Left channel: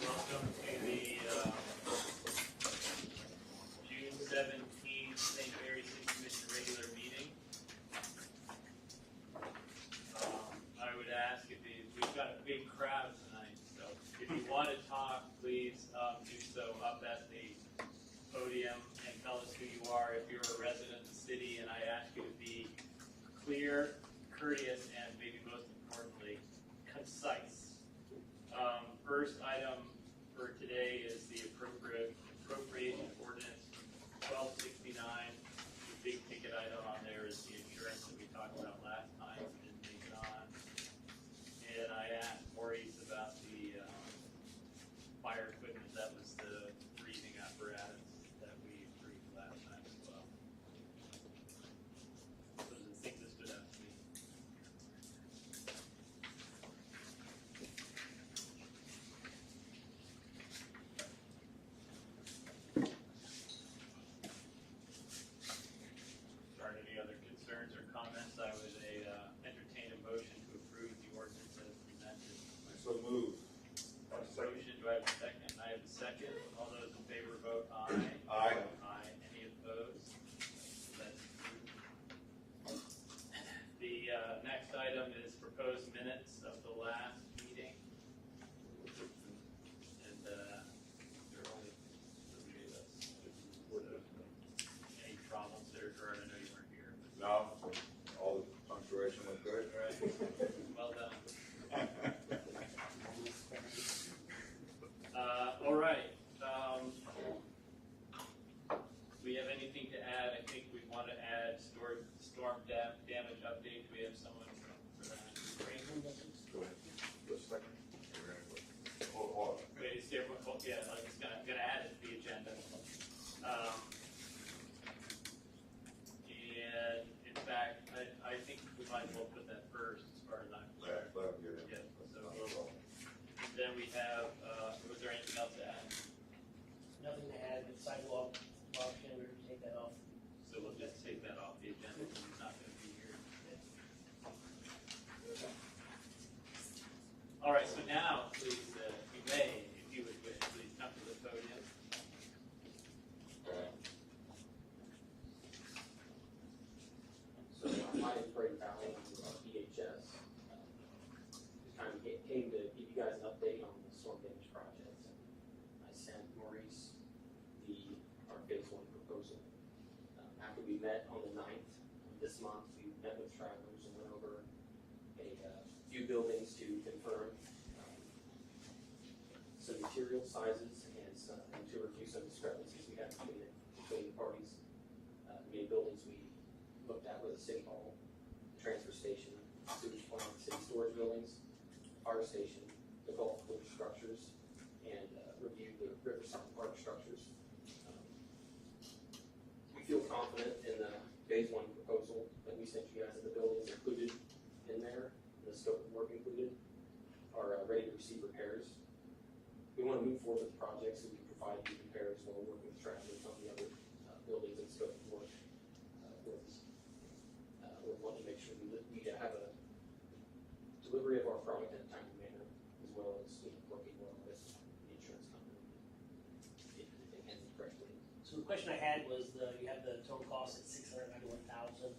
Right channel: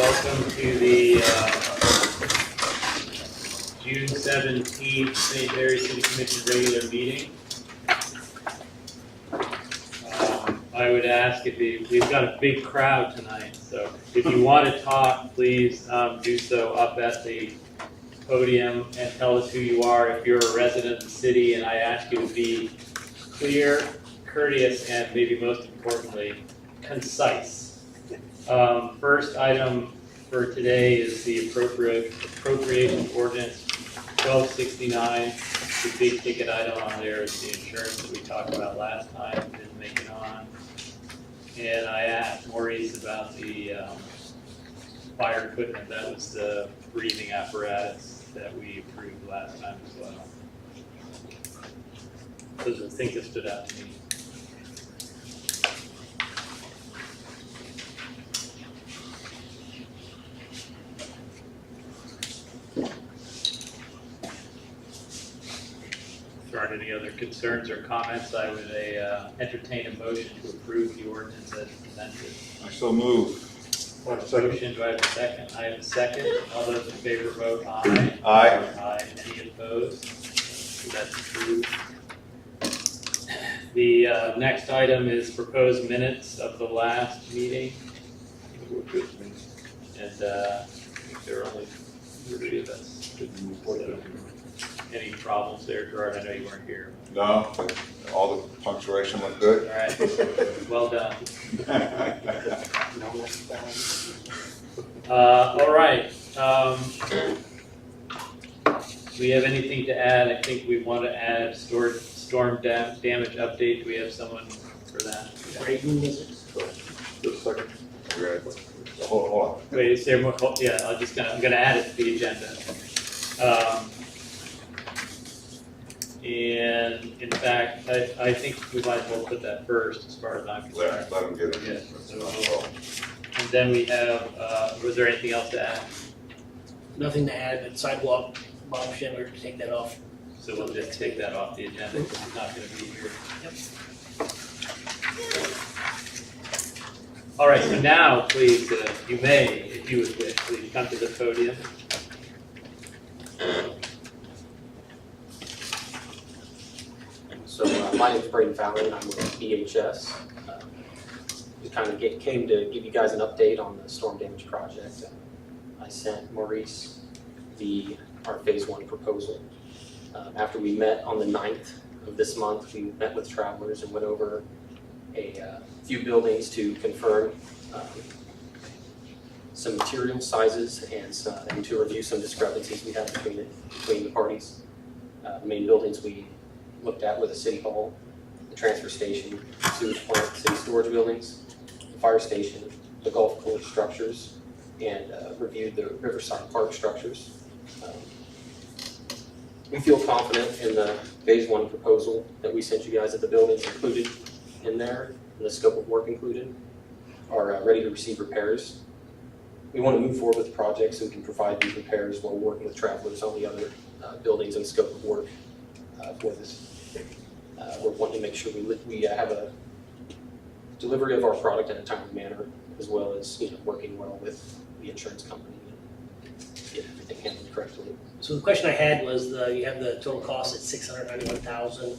welcome to the June 17th St. Mary City Commission regular meeting. I would ask if we've got a big crowd tonight, so if you want to talk, please do so up at the podium and tell us who you are if you're a resident of the city, and I ask you to be clear, courteous, and maybe most importantly, concise. First item for today is the appropriation ordinance 1269. The big ticket item on there is the insurance that we talked about last time, didn't make it on. And I asked Maurice about the fire equipment. That was the breathing apparatus that we approved last time as well. Those are the things that stood out to me. If there aren't any other concerns or comments, I would entertain a motion to approve the ordinance as presented. I so move. Motion, do I have a second? I have a second. All those in favor vote aye. Aye. Aye. Any opposed? That's approved. The next item is proposed minutes of the last meeting. And I think there are only 3 of us. Any problems there, Gerard? I know you weren't here. No, all the punctuation looked good. All right, well done. All right. Do we have anything to add? I think we want to add storm damage update. Do we have someone for that? Just a second. Hold on. Wait, is there more? Yeah, I'm gonna add it to the agenda. And in fact, I think we might as well put that first as far as I'm concerned. Let him get it. Yes. And then we have, was there anything else to add? Nothing to add, but sidewalk, Bob Schindler, take that off. So we'll just take that off the agenda because he's not gonna be here. Yep. All right, so now, please, you may, if you would wish, please come to the podium. So my name is Braden Fallon, and I'm with BHS. Just kind of came to give you guys an update on the storm damage project. I sent Maurice our phase 1 proposal. After we met on the 9th of this month, we met with travelers and went over a few buildings to confirm some material sizes and to review some discrepancies we had between the parties. The main buildings we looked at were the city hall, the transfer station, sewage plant, city storage buildings, the fire station, the golf course structures, and reviewed the Riverside Park structures. We feel confident in the phase 1 proposal that we sent you guys at the buildings included in there, and the scope of work included, are ready to receive repairs. We want to move forward with the project so we can provide these repairs while working with travelers on the other buildings and scope of work for this. We're wanting to make sure we have a delivery of our product in a timely manner, as well as working well with the insurance company and get everything handled correctly. So the question I had was, you have the total cost at $691,000.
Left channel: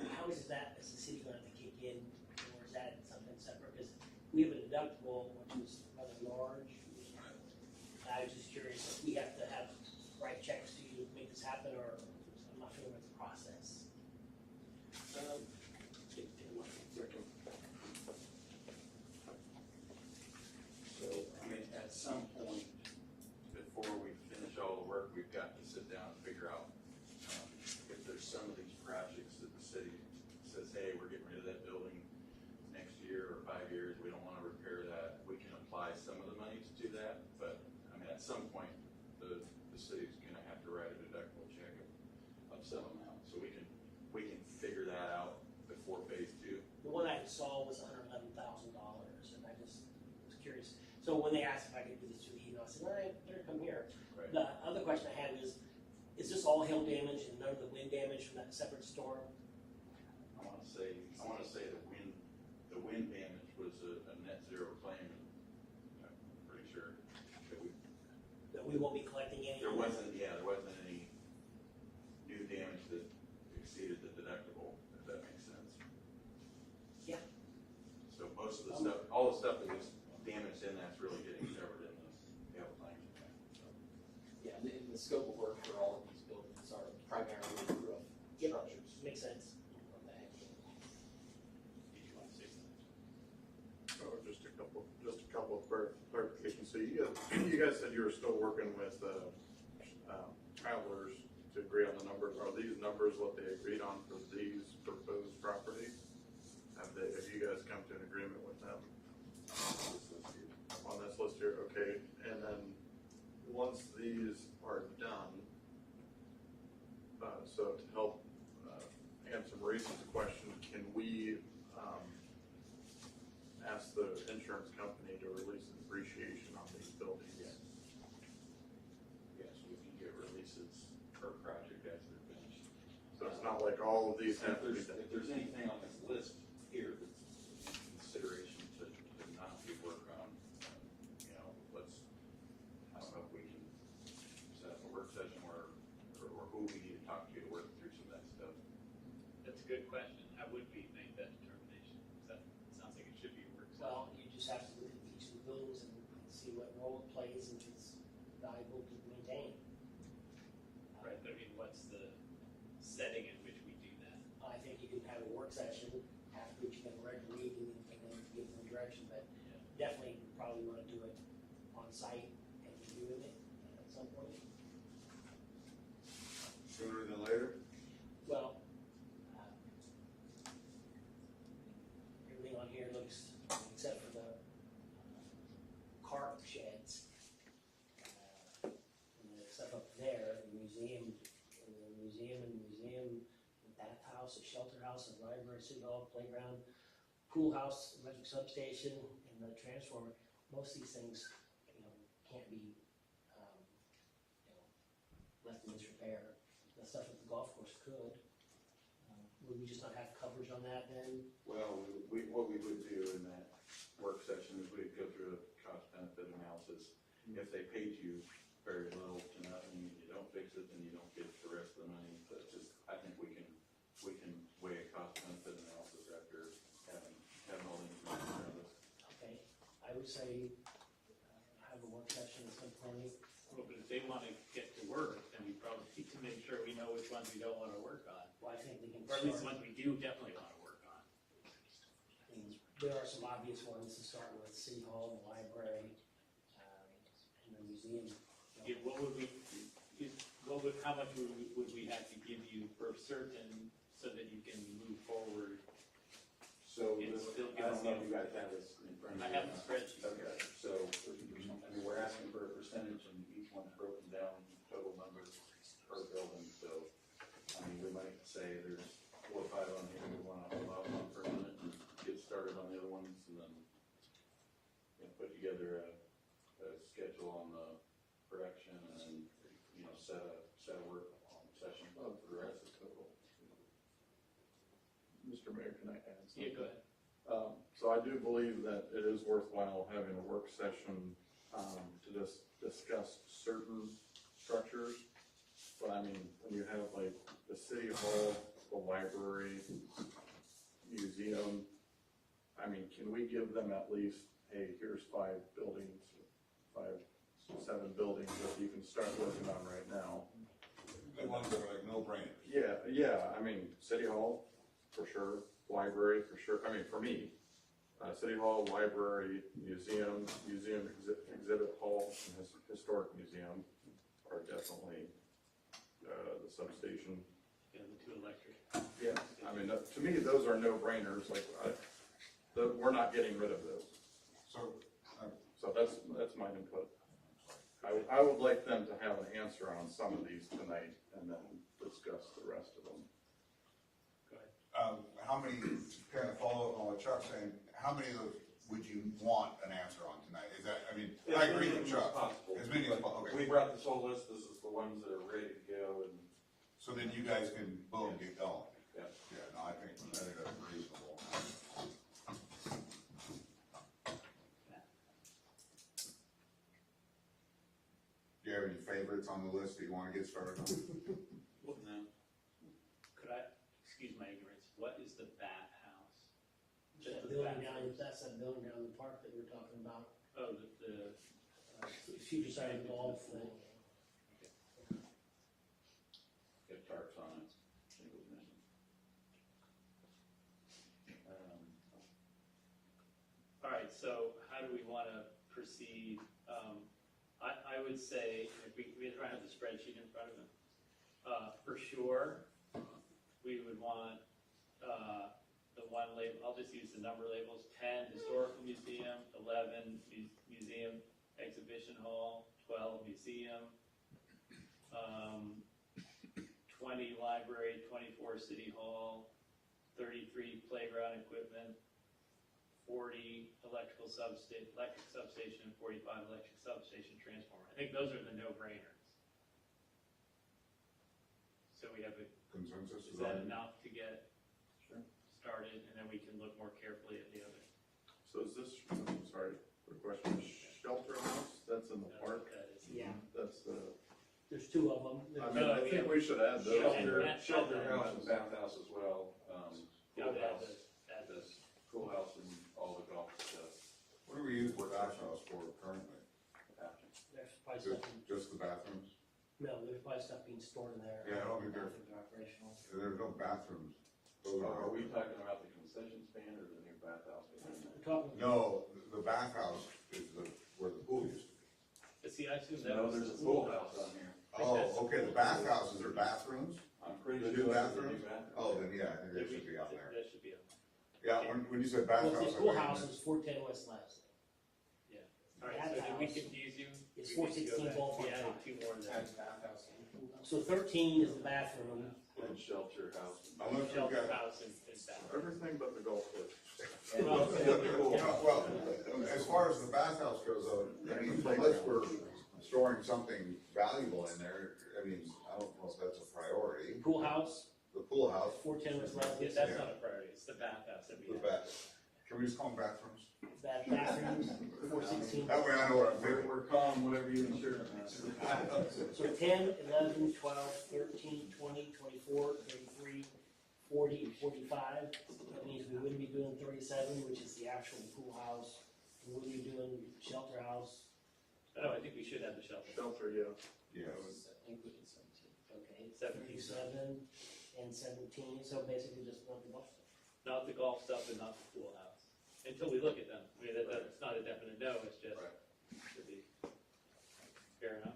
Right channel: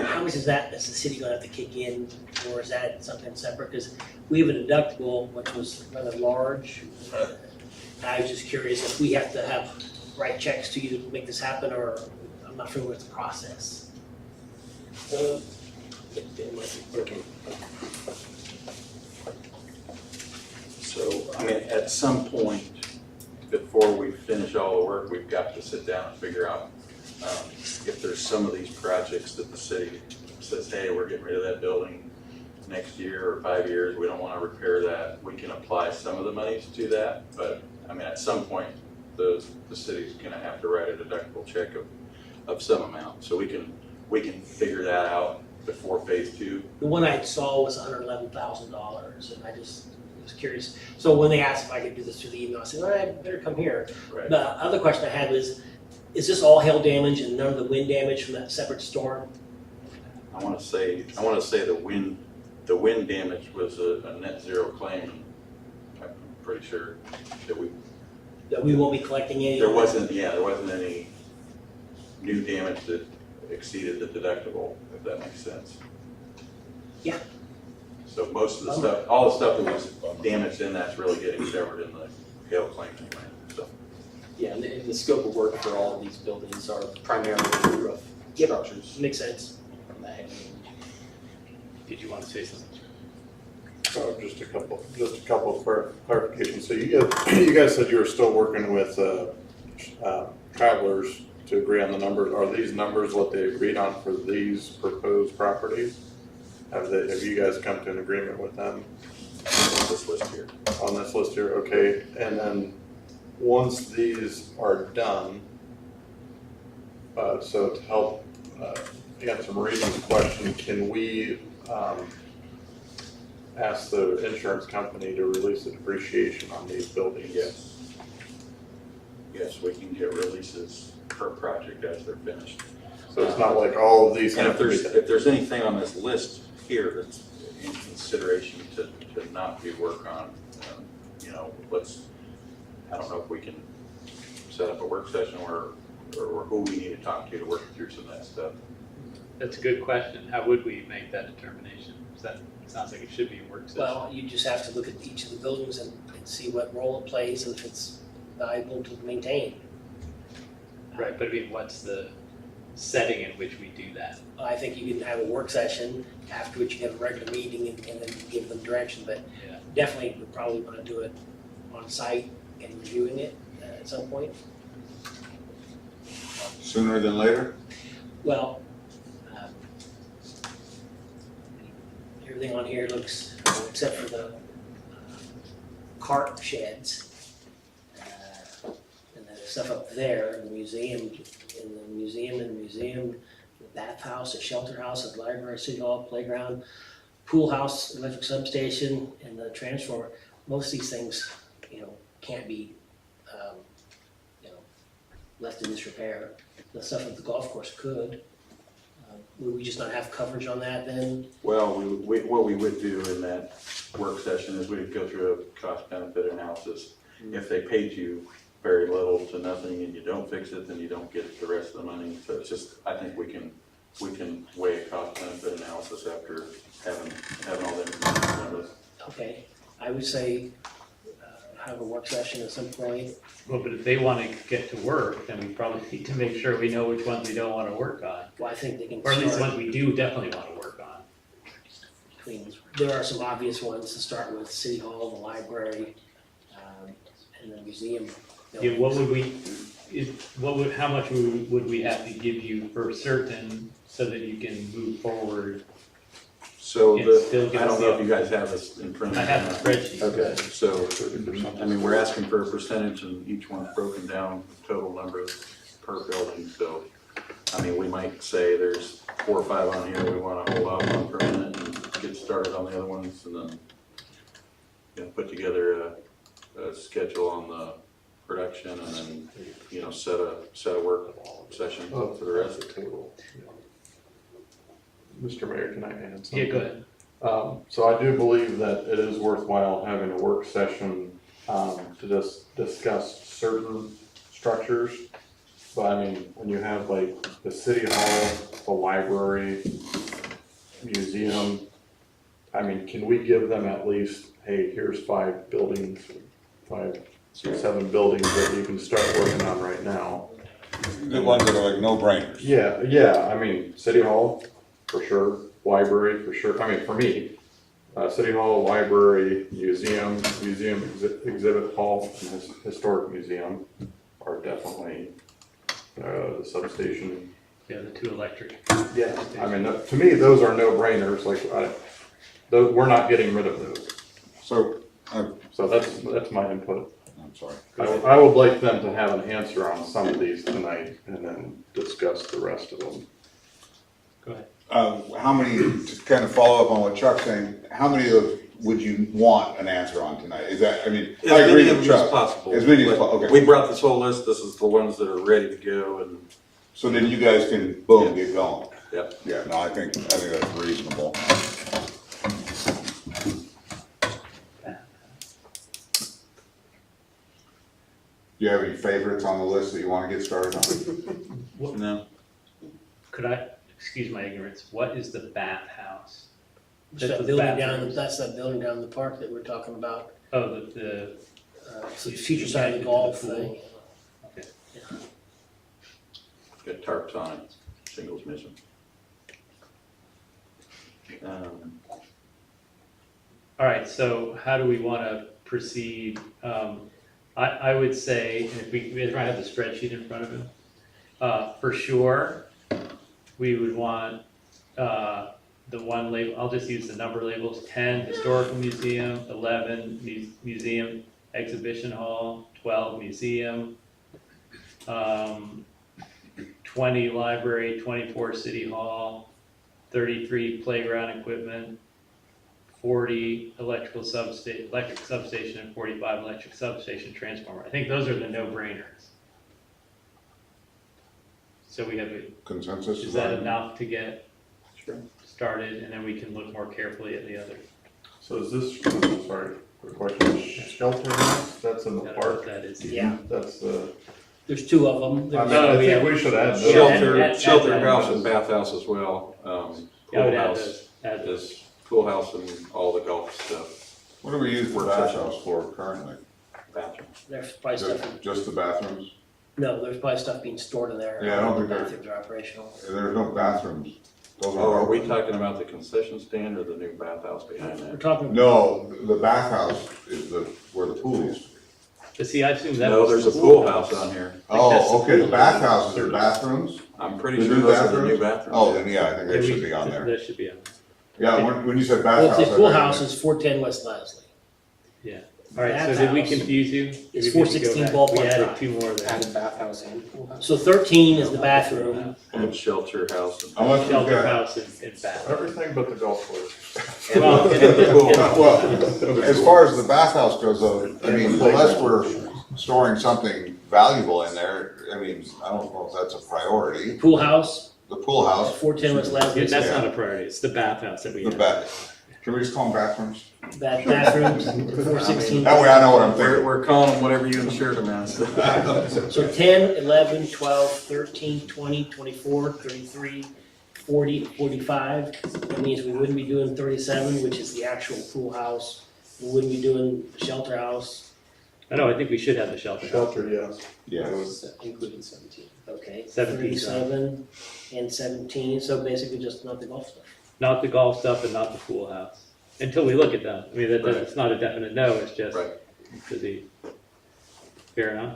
How much is that? Is the city gonna have to kick in, or is that something separate? Because we have a deductible, which was rather large. I was just curious if we have to write checks to you to make this happen, or I'm not familiar with the process. So, I mean, at some point, before we finish all the work, we've got to sit down and figure out if there's some of these projects that the city says, hey, we're getting rid of that building next year or 5 years, we don't want to repair that, we can apply some of the monies to that. But, I mean, at some point, the city's gonna have to write a deductible check of some amount. So we can figure that out before phase 2. The one I saw was $111,000, and I just was curious. So when they asked if I could do this through the email, I said, all right, better come here. Right. The other question I had was, is this all hail damage and none of the wind damage from that separate storm? I want to say the wind damage was a net zero claim. pretty sure that we won't be collecting any. there wasn't any new damage that exceeded the deductible, if that makes sense. Yeah. So most of the stuff, all the stuff that was damaged in that's really getting covered in the hail claim anyway, so. Yeah, and the scope of work for all of these buildings are primarily roof Yep. structures. Makes sense. From that heavy. Did you want to say something? Just a couple of clarifications. So you guys said you were still working with Travelers to agree on the numbers. Are these numbers what they agreed on for these proposed properties? Have you guys come to an agreement with them This list here. on this list here? Okay, and then once these are done, so to help answer Marie's question, can we ask the insurance company to release the depreciation on these buildings? Yes. Yes, we can get releases per project as they're finished. So it's not like all of these And have to be. if there's anything on this list here that's in consideration to not be worked on, you know, I don't know if we can set up a work session or who we need to talk to work through some of that stuff. That's a good question. How would we make that determination? Sounds like it should be a work session. Well, you just have to look at each of the buildings and see what role it plays and if it's valuable to maintain. Right, but I mean, what's the setting in which we do that? I think you can have a work session, after which you can have a regular meeting and then give them direction, but Yeah. definitely we probably want to do it on site and reviewing it at some point. Sooner than later? Well, everything on here looks, except for the cart sheds, and then the stuff up there, the museum, the bathhouse, the shelter house, the library, city hall, playground, pool house, electric substation, and the transformer. Most of these things, can't be, left in disrepair. The stuff at the golf course could. Would we just not have coverage on that then? Well, what we would do in that work session is we'd go through a cost benefit analysis. If they paid you very little to nothing and you don't fix it, then you don't get the rest of the money. So it's just, I think we can weigh a cost benefit analysis after having all the information on this. Okay, I would say, have a work session at some point. Well, but if they want to get to work, then we probably need to make sure we know which ones we don't want to work on. Well, I think they can Or at least the start ones we do definitely want to work on. between, there are some obvious ones to start with, City Hall, the library, and the museum. Yeah, how much would we have to give you for certain so that you can move forward? So It's still I don't know if you guys have this in front of I you. have the spreadsheet. Okay, so, I mean, we're asking for a percentage and each one's broken down, total numbers per building, so, I mean, we might say there's 4 or 5 on here we wanna hold off on for a minute and get started on the other ones, and then, put together a schedule on the production, and then, set a work session for the rest. the table. Mr. Mayor, can I add something? Yeah, go ahead. So I do believe that it is worthwhile having a work session to just discuss certain structures. But I mean, when you have like the city hall, the library, museum, I mean, can we give them at least, hey, here's 5 buildings, 5, 6, 7 buildings that you can start working on right now? The ones that are like no-brainers. Yeah, I mean, city hall, for sure, library, for sure, I mean, for me, city hall, library, museum exhibit hall, and historic museum are definitely, the substation. Yeah, the 2 electric. Yeah, I mean, to me, those are no-brainers, like, we're not getting rid of those, So, so that's my input. I'm sorry. I would like them to have an answer on some of these tonight, and then discuss the rest of them. Go ahead. How many, to kind of follow up on what Chuck's saying, how many of those would you want an answer on tonight? Is that, I mean, I As agree many of with them as Chuck. possible. As many as possible, okay. We brought this whole list, this is the ones that are ready to go, and So then you guys can, boom, get going. Yep. Yeah, no, I think that's reasonable. you have any favorites on the list that you wanna get started on? No, Could I, excuse my ignorance, what is the bathhouse? Just that building down, that's that building down in the park that we're talking about, Oh, the, so the future side of the golf thing. got tarps on it, shingles missing. all right, so how do we wanna proceed? I would say, and if we might have the spreadsheet in front of him, for sure, we would want, the one label, I'll just use the number labels, 10 historical museum, 11 museum exhibition hall, 12 museum, 20 library, 24 city hall, 33 playground equipment, 40 electric substation, and 45 electric substation transformer. I think those are the no-brainers. So we have, Consensus? is that enough to get Sure. started, and then we can look more carefully at the other? So is this, sorry, quick question, shelter house, that's in the I don't know park, what that is. Yeah, that's the, there's two of them. I There's- mean, I Oh, yeah. think we should add Yeah, those. Shelter, add shelter that. house and bathhouse as well. Yeah, I Pool would add house those, add those. is pool house and all the golf stuff, What do we use the Work bathhouse for currently? bathroom. There's probably stuff, Just the bathrooms? no, there's probably stuff being stored in there. Yeah, I don't think there- Bathrooms are operational. There's no bathrooms. Those Oh, are we talking about the concession stand or the new bathhouse behind We're that? talking. No, the bathhouse is where the pool used to be. But see, I assume that No, was there's the a pool house on here. that's the Oh, okay, the pool. bathhouses are bathrooms? I'm pretty The sure new those are the new bathrooms? bathrooms. Oh, then yeah, I think Yeah, they we- should be on there. That should be on Yeah, when you said Well, bathhouse. the I pool read house it. is 410 West Leslie. there. All right, so did we Bathhouse confuse you? is Did we 416 go back? Ballpark We added Drive. two more there. Added bathhouse and pool house. So 13 is the bathroom. And shelter house. How much was Shelter that? house and bath. Everything but the golf course. And Well, the pool and- house. Well, as far as the bathhouse goes though, I mean, unless we're storing something valuable in there, I mean, I don't know if that's a priority. Pool house, The pool house, 410 West Leslie. That's not a priority, it's the bathhouse that we the have. bath, can we just call them bathrooms? Bathrooms, 416. That way I know what I'm We're, thinking. we're calling them whatever you insured them as. So 10, 11, 12, 13, 20, 24, 33, 40, 45. That means we wouldn't be doing 37, which is the actual pool house. We wouldn't be doing the shelter house. I know, I think we should have the shelter house. Shelter, yes. Yeah, Including 17. Okay, 17, sorry. 37 and 17, so basically just not the golf stuff. Not the golf stuff and not the pool house, until we look at them. I mean, Right. it's not a definite no, it's just Right. to be, fair enough?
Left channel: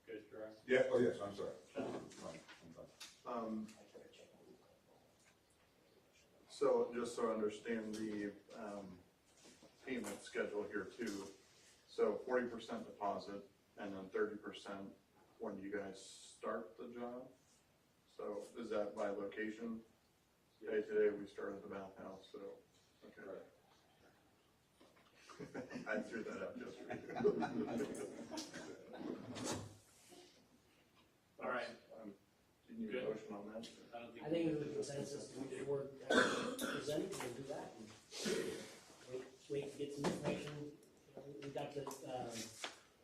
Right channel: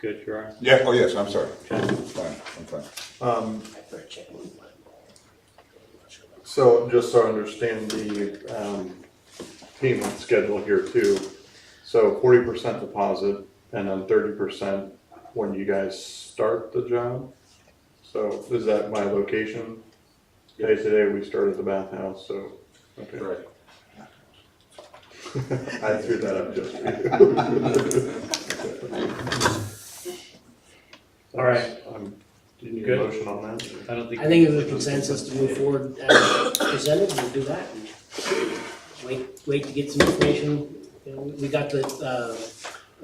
Good, Gerard? yeah, oh yes, I'm sorry. I'm fine. Better check. So just so I understand the, payment schedule here too. So 40% deposit and then 30% when you guys start the job. So is that by location? Hey, today we started the bathhouse, so, okay. Right. I threw that up just for you. All right. Do you need a Good. motion on that? I don't think. I think there's a consensus to move forward as presented, we'll do that. And wait to get some information. You know, we got the, it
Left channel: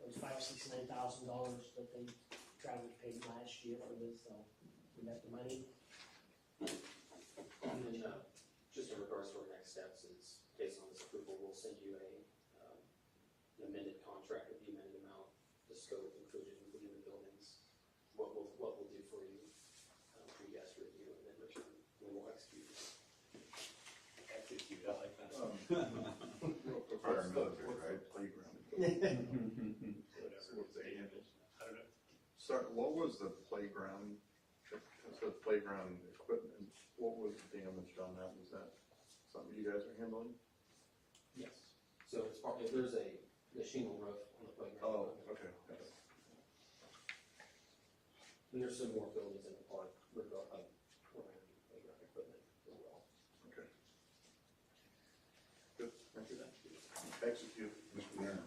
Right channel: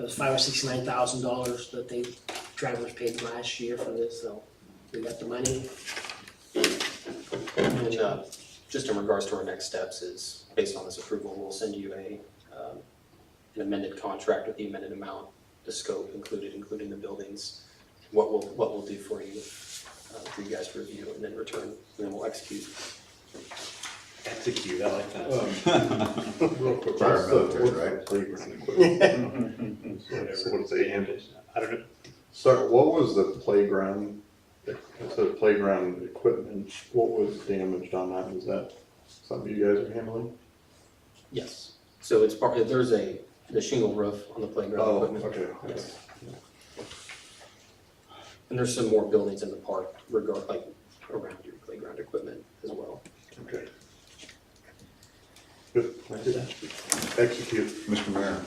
was $5 or $69,000 that they, travelers paid last year for this, so we got the money. And just in regards to our next steps is, based on this approval, we'll send you an amended contract with the amended amount, the scope included, including the buildings, what we'll do for you guys to review and then return, and then we'll execute. Execute, I like that. Real quick, Paramilitary, what's the right? playground equipment? So what's the handle? I don't know, So what was the playground, the playground equipment, what was damaged on that? Is that something you guys are handling? Yes. So it's part, there's the shingle roof on the playground equipment. Okay. Yes. And there's some more buildings in the park around your playground equipment as well. Okay. Good, thank you. Execute. Mr. Mayor,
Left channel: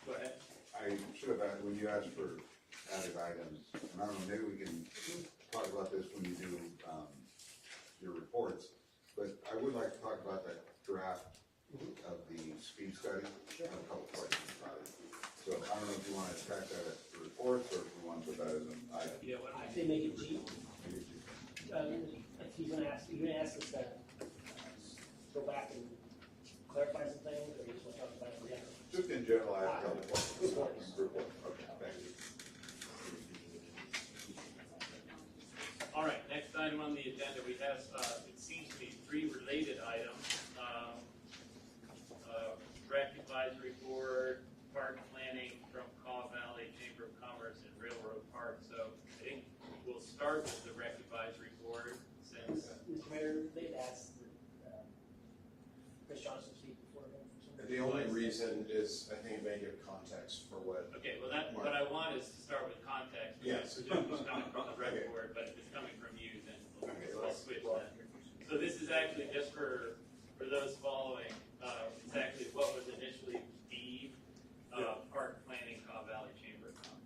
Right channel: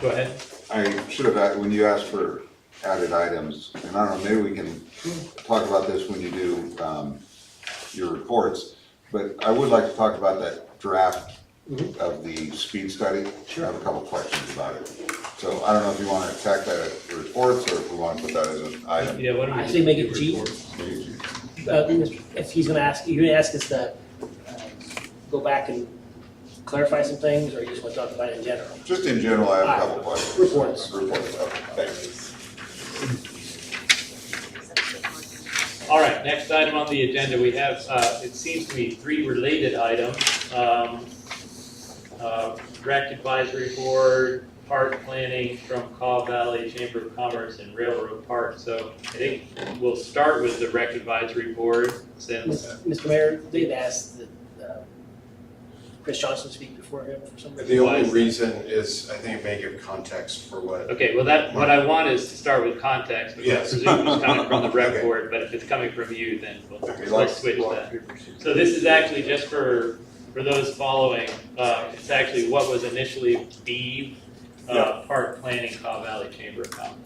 go ahead. I should have, when you asked for added items, and I don't know, maybe we can talk about this when you do, your reports, but I would like to talk about that draft of the speed study. I have a couple questions about it. So I don't know if you wanna attack that at reports, or if we wanna put that as an item. Yeah, why don't we I just say make do it G. reports? If he's gonna ask, you're gonna ask us to go back and clarify some things, or you just wanna talk about it in general? Just in general, I have a couple questions. Reports. Reports, okay, thanks. All right, next item on the agenda, we have, it seems to be 3 related items. Rec Advisory Board, park planning from Caw Valley Chamber of Commerce and Railroad Park. So I think we'll start with the Rec Advisory Board since, Mr. Mayor, they'd asked that Chris Johnson speak before him for some reason. The only reason is, I think it may give context for what, okay, well what I want is to start with context, because I Yes. presume it's coming from the Rec Okay. Board, but if it's coming from you, then Okay, we'll like- switch that. So this is actually just for those following, it's actually what was initially BEAV, Park Planning, Caw Valley Chamber of Commerce.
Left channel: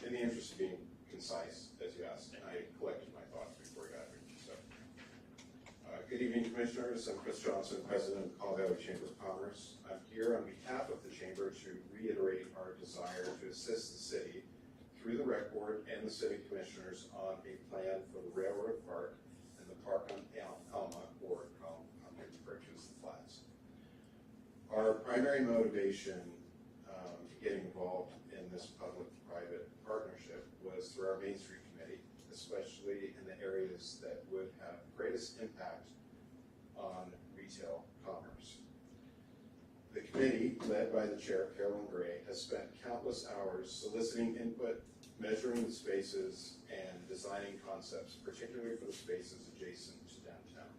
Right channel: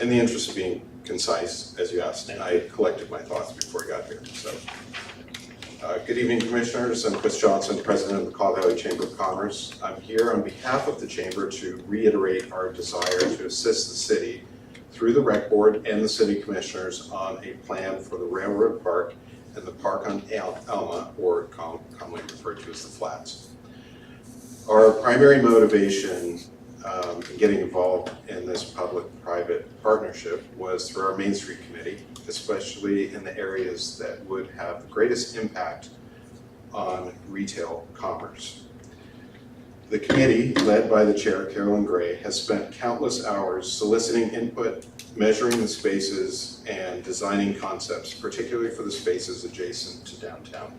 in the interest of being concise, as you asked, I collected my thoughts before I got here, so. Good evening, Commissioners. I'm Chris Johnson, President of the Caw Valley Chamber of Commerce. I'm here on behalf of the Chamber to reiterate our desire to assist the city through the Rec Board and the City Commissioners on a plan for the Railroad Park and the Park on Alma, or commonly referred to as the Flats. Our primary motivation in getting involved in this public-private partnership was through our Main Street Committee, especially in the areas that would have the greatest impact on retail commerce. The committee, led by the chair, Carolyn Gray, has spent countless hours soliciting input, measuring the spaces, and designing concepts, particularly for the spaces adjacent to downtown.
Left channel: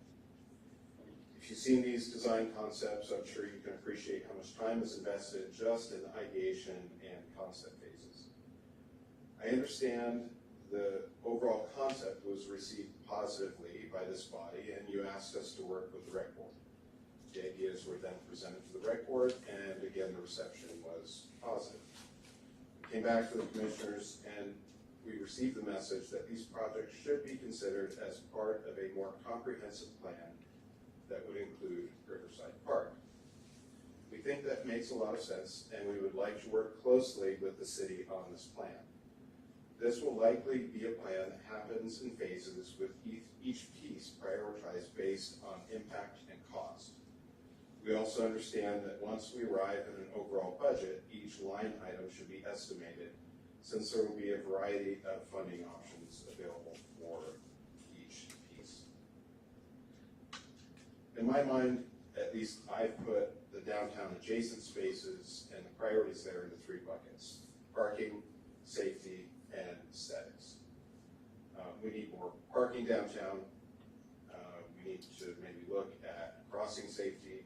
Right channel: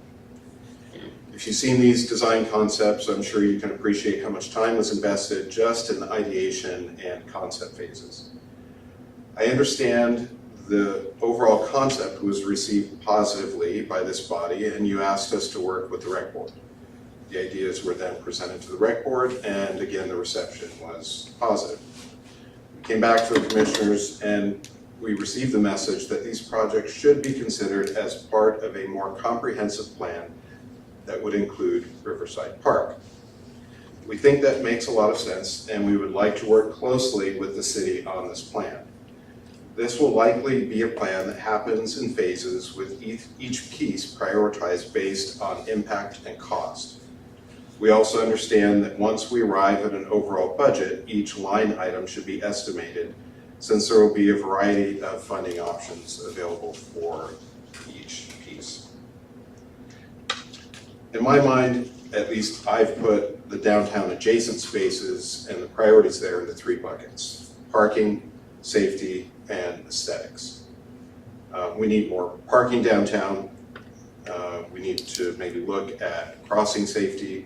If you've seen these design concepts, I'm sure you can appreciate how much time was invested just in the ideation and concept phases. I understand the overall concept was received positively by this body, and you asked us to work with the Rec Board. The ideas were then presented to the Rec Board, and again, the reception was positive. We came back to the Commissioners and we received the message that these projects should be considered as part of a more comprehensive plan that would include Riverside Park. We think that makes a lot of sense, and we would like to work closely with the city on this plan. This will likely be a plan that happens in phases with each piece prioritized based on impact and cost. We also understand that once we arrive at an overall budget, each line item should be estimated, since there will be a variety of funding options available for each piece. In my mind, at least I've put the downtown adjacent spaces and the priorities there into 3 buckets: parking, safety, and aesthetics. We need more parking downtown. We need to maybe look at crossing safety.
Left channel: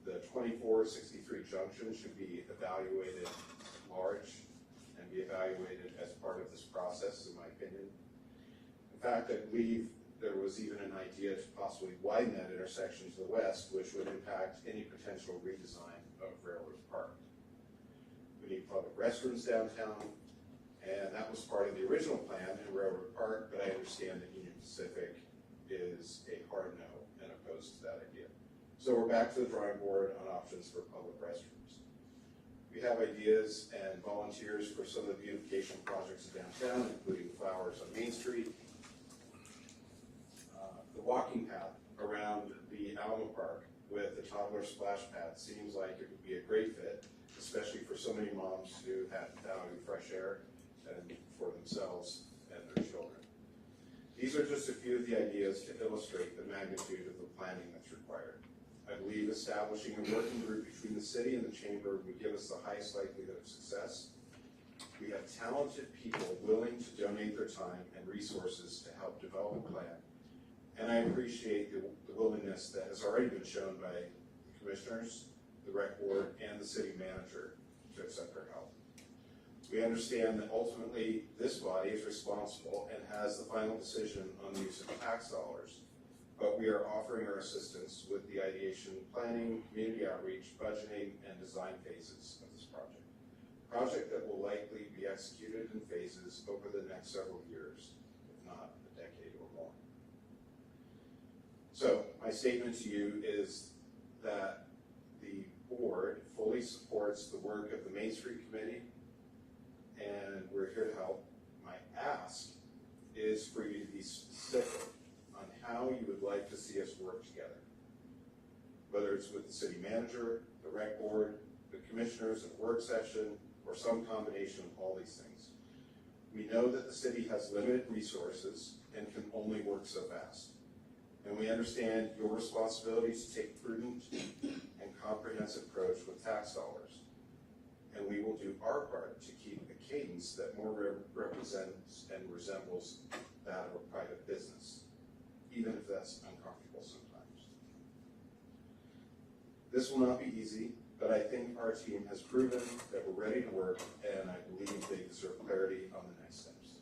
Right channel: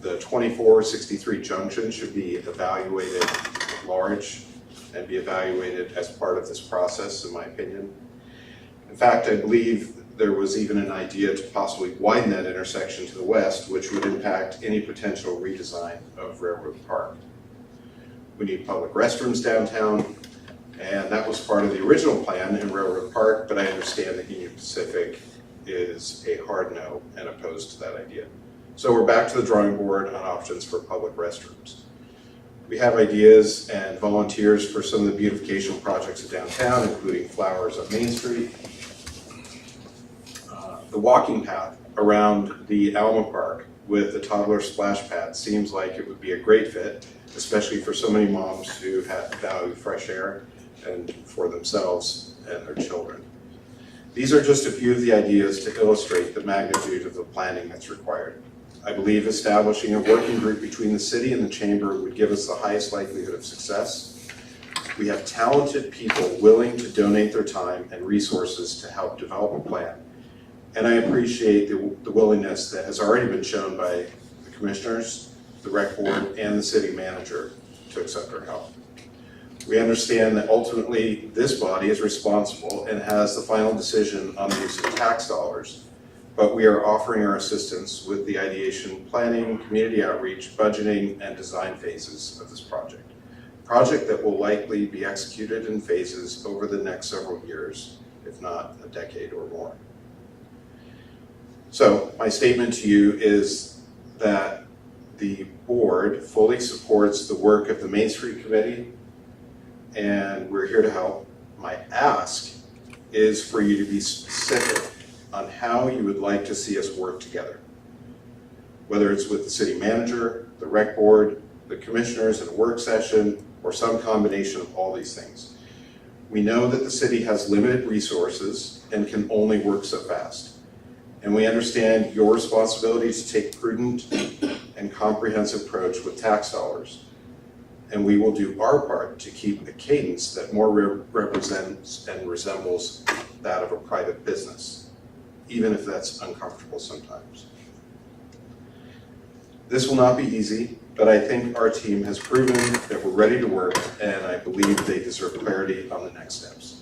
The 2463 junction should be evaluated at large and be evaluated as part of this process, in my opinion. In fact, I believe there was even an idea to possibly widen that intersection to the west, which would impact any potential redesign of Railroad Park. We need public restrooms downtown, and that was part of the original plan in Railroad Park, but I understand that Union Pacific is a hard no and opposed to that idea. So we're back to the drawing board on options for public restrooms. We have ideas and volunteers for some of the beautification projects downtown, including flowers on Main Street. The walking path around the Alma Park with the toddler splash pad seems like it would be a great fit, especially for so many moms who value fresh air and for themselves and their children. These are just a few of the ideas to illustrate the magnitude of the planning that's required. I believe establishing a working group between the city and the chamber would give us the highest likelihood of success. We have talented people willing to donate their time and resources to help develop a plan. And I appreciate the willingness that has already been shown by the commissioners, the Rec Board, and the city manager to accept our help. We understand that ultimately this body is responsible and has the final decision on the use of tax dollars, but we are offering our assistance with the ideation, planning, community outreach, budgeting, and design phases of this project. A project that will likely be executed in phases over the next several years, if not a decade or more. So my statement to you is that the board fully supports the work of the Main Street Committee, and we're here to help. My ask is for you to be specific on how you would like to see us work together. Whether it's with the city manager, the rec board, the commissioners in a work session, or some combination of all these things. We know that the city has limited resources and can only work so fast. And we understand your responsibility to take prudent and comprehensive approach with tax dollars. And we will do our part to keep a cadence that more represents and resembles that of a private business, even if that's uncomfortable sometimes. This will not be easy, but I think our team has proven that we're ready to work, and I believe they deserve clarity on the next steps.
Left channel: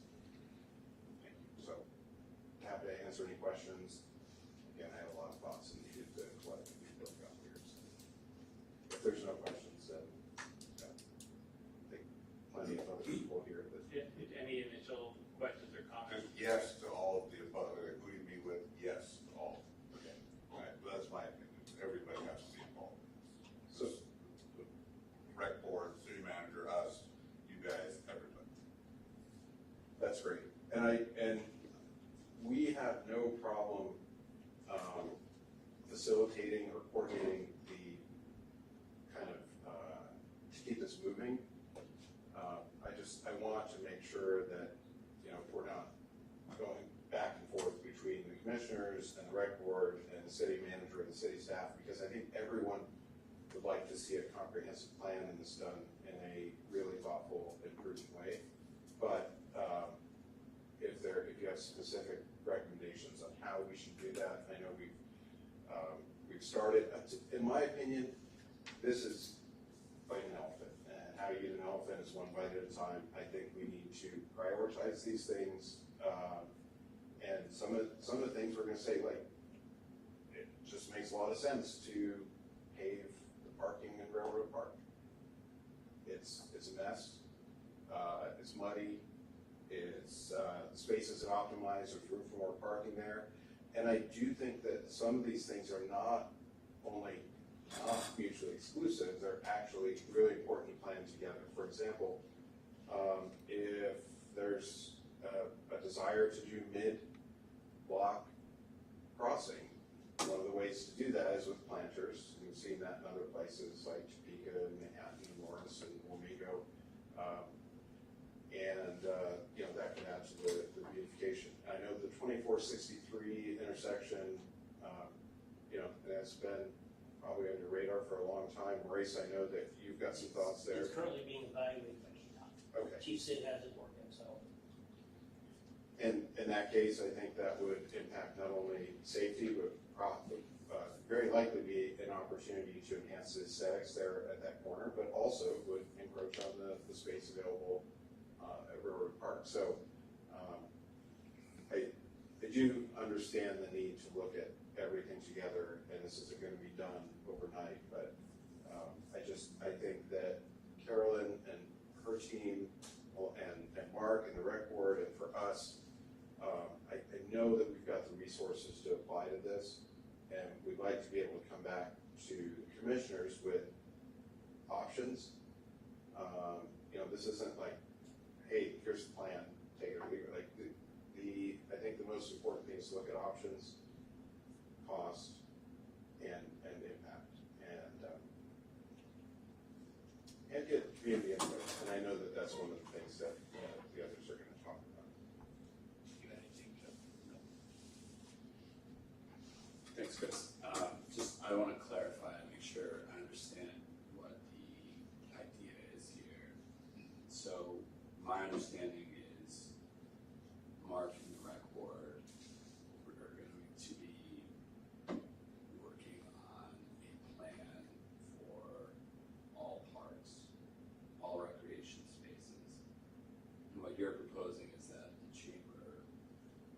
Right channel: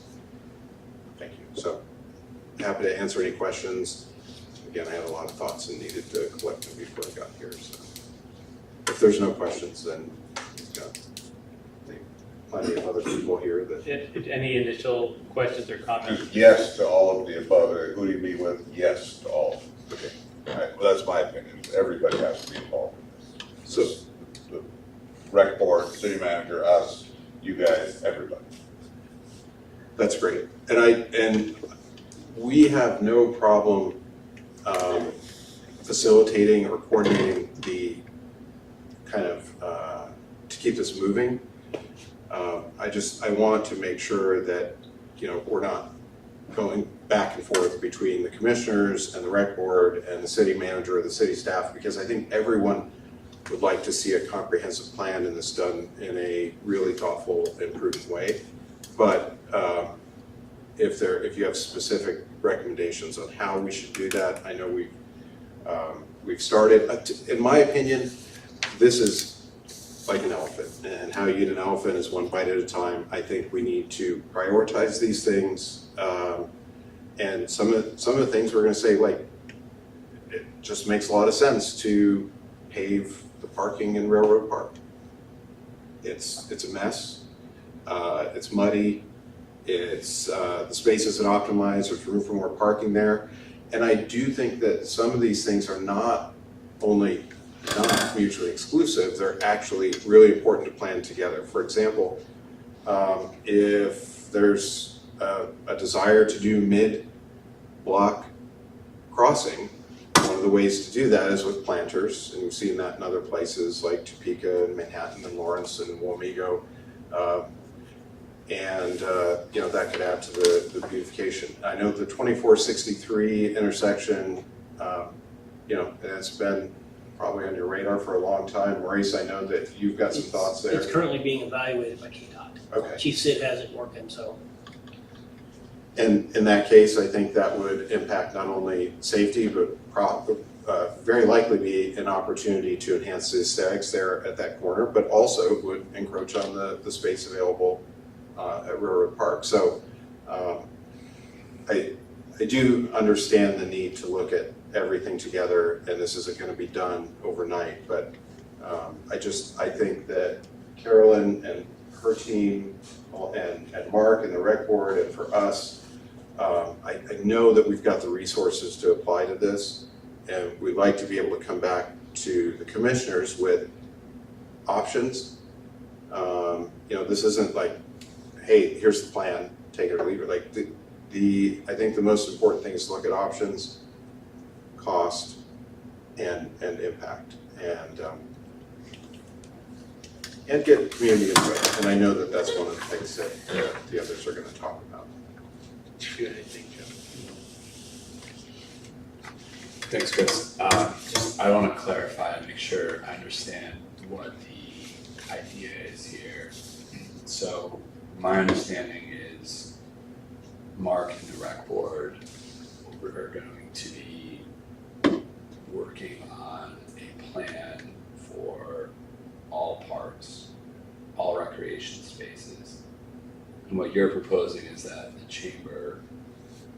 Thank you. So, happy to answer any questions. Again, I had a lot of thoughts and needed to collect them before I got here, so. If there's no questions, then we've got plenty of other people here that. Any initial questions or comments? Yes to all of the above. Who do you meet with? Yes to all. Okay. All right. Well, that's my opinion. Everybody has to be involved. So, The rec board, city manager, us, you guys, everybody. that's great. And we have no problem facilitating or coordinating the kind of, to keep this moving. I want to make sure that, we're not going back and forth between the commissioners and the rec board and the city manager or the city staff, because I think everyone would like to see a comprehensive plan and this done in a really thoughtful and prudent way. But if you have specific recommendations on how we should do that, I know we've started. In my opinion, this is like an elephant, and how you eat an elephant is one bite at a time. I think we need to prioritize these things, and some of the things we're going to say, like, it just makes a lot of sense to pave the parking in Railroad Park. It's a mess. It's muddy. It's the space isn't optimized. There's room for more parking there, and I do think that some of these things are not only not mutually exclusive, they're actually really important to plan together. For example, if there's a desire to do mid-block crossing, one of the ways to do that is with planters, and we've seen that in other places like Topeka and Manhattan and Lawrence and Wamego. That could add to the beautification. I know the 2463 intersection, it's been probably on your radar for a long time. Maurice, I know that you've got some thoughts there. It's currently being evaluated by KDOT. Okay. Chief Sid has it working, so. And in that case, I think that would impact not only safety, but very likely be an opportunity to enhance the aesthetics there at that corner, but also would encroach on the space available at Railroad Park. So I do understand the need to look at everything together, and this isn't going to be done overnight, but I think that Carolyn and her team and Mark and the rec board, and for us, I know that we've got the resources to apply to this, and we'd like to be able to come back to the commissioners with options. This isn't like, hey, here's the plan, take it or leave it. Like I think the most important thing is to look at options, cost, and impact, and get community input. And I know that that's one of the things that the others are going to talk about. Do anything, Joe? Thanks, Chris. I want to clarify and make sure I understand what the idea is here. So my understanding is Mark and the rec board are going to be working on a plan for all parks, all recreation spaces. And what you're proposing is that the chamber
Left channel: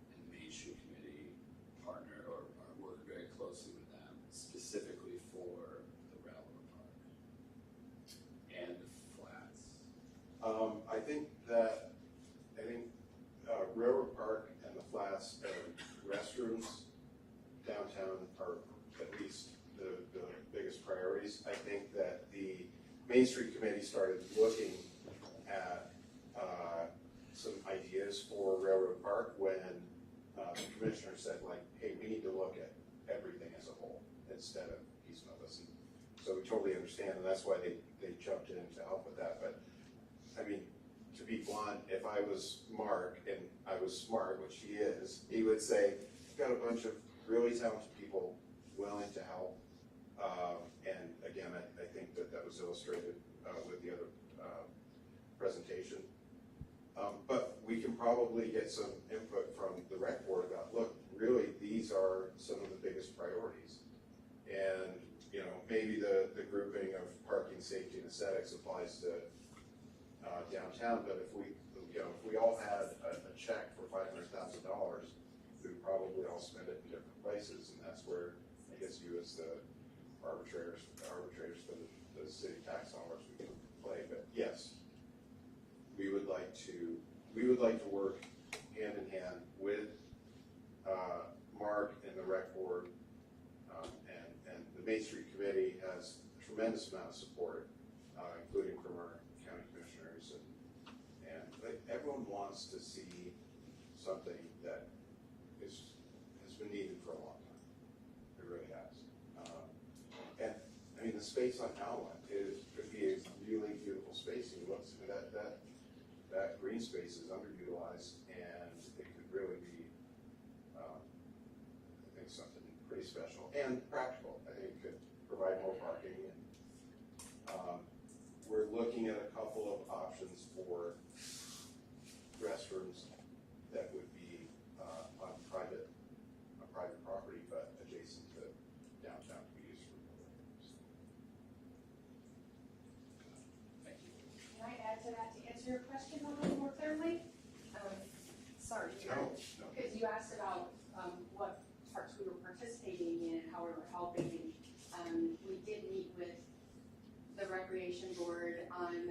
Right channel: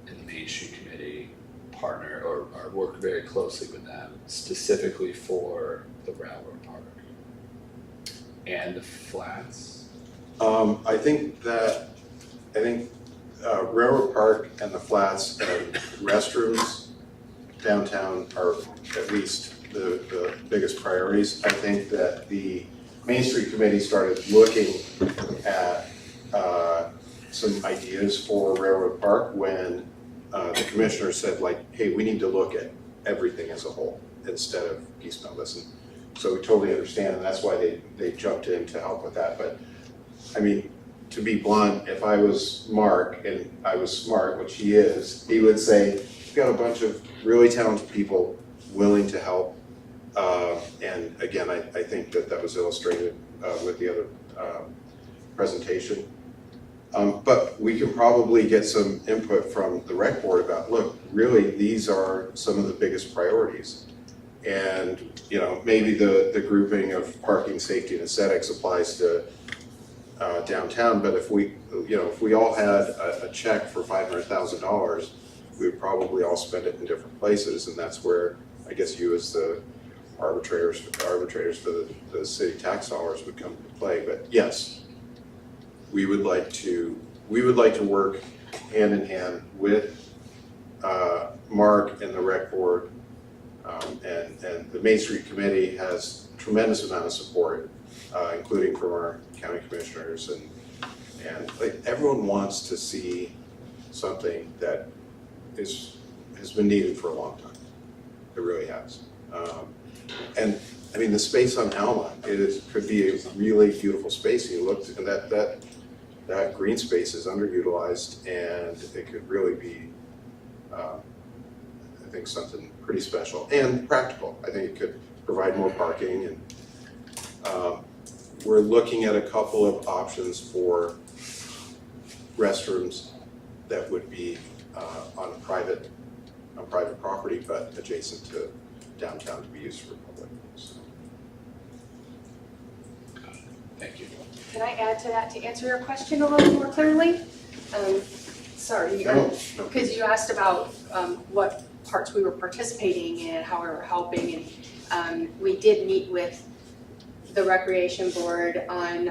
and the Main Street Committee partner or work very closely with them specifically for the Railroad Park and the flats. I think Railroad Park and the flats and restrooms downtown are at least the biggest priorities. I think that the Main Street Committee started looking at some ideas for Railroad Park when the commissioner said like, hey, we need to look at everything as a whole instead of piecemeal this. And so we totally understand, and that's why they jumped in to help with that. But I mean, to be blunt, if I was Mark and I was smart, which he is, he would say, we've got a bunch of really talented people willing to help. And again, I think that was illustrated with the other presentation. But we can probably get some input from the rec board about, look, really, these are some of the biggest priorities. And, you know, maybe the grouping of parking, safety, and aesthetics applies to downtown, but if we all had a check for $500,000, we would probably all spend it in different places, and that's where I guess you as the arbitrators for the city tax dollars would come into play. But yes, we would like to work hand in hand with Mark and the rec board, and the Main Street Committee has tremendous amount of support, including from our county commissioners, and like everyone wants to see something that has been needed for a long time. It really has. And I mean, the space on Alma, could be a really beautiful space. You looked, and that green space is underutilized, and it could really be, I think, something pretty special and practical. I think it could provide more parking, and we're looking at a couple of options for restrooms that would be on private property, but adjacent to downtown to be used for public. So. Thank you. Can I add to that to answer your question a little more clearly? Sorry, because you asked about what parts we were participating in, how we were helping, and we did meet with the recreation board on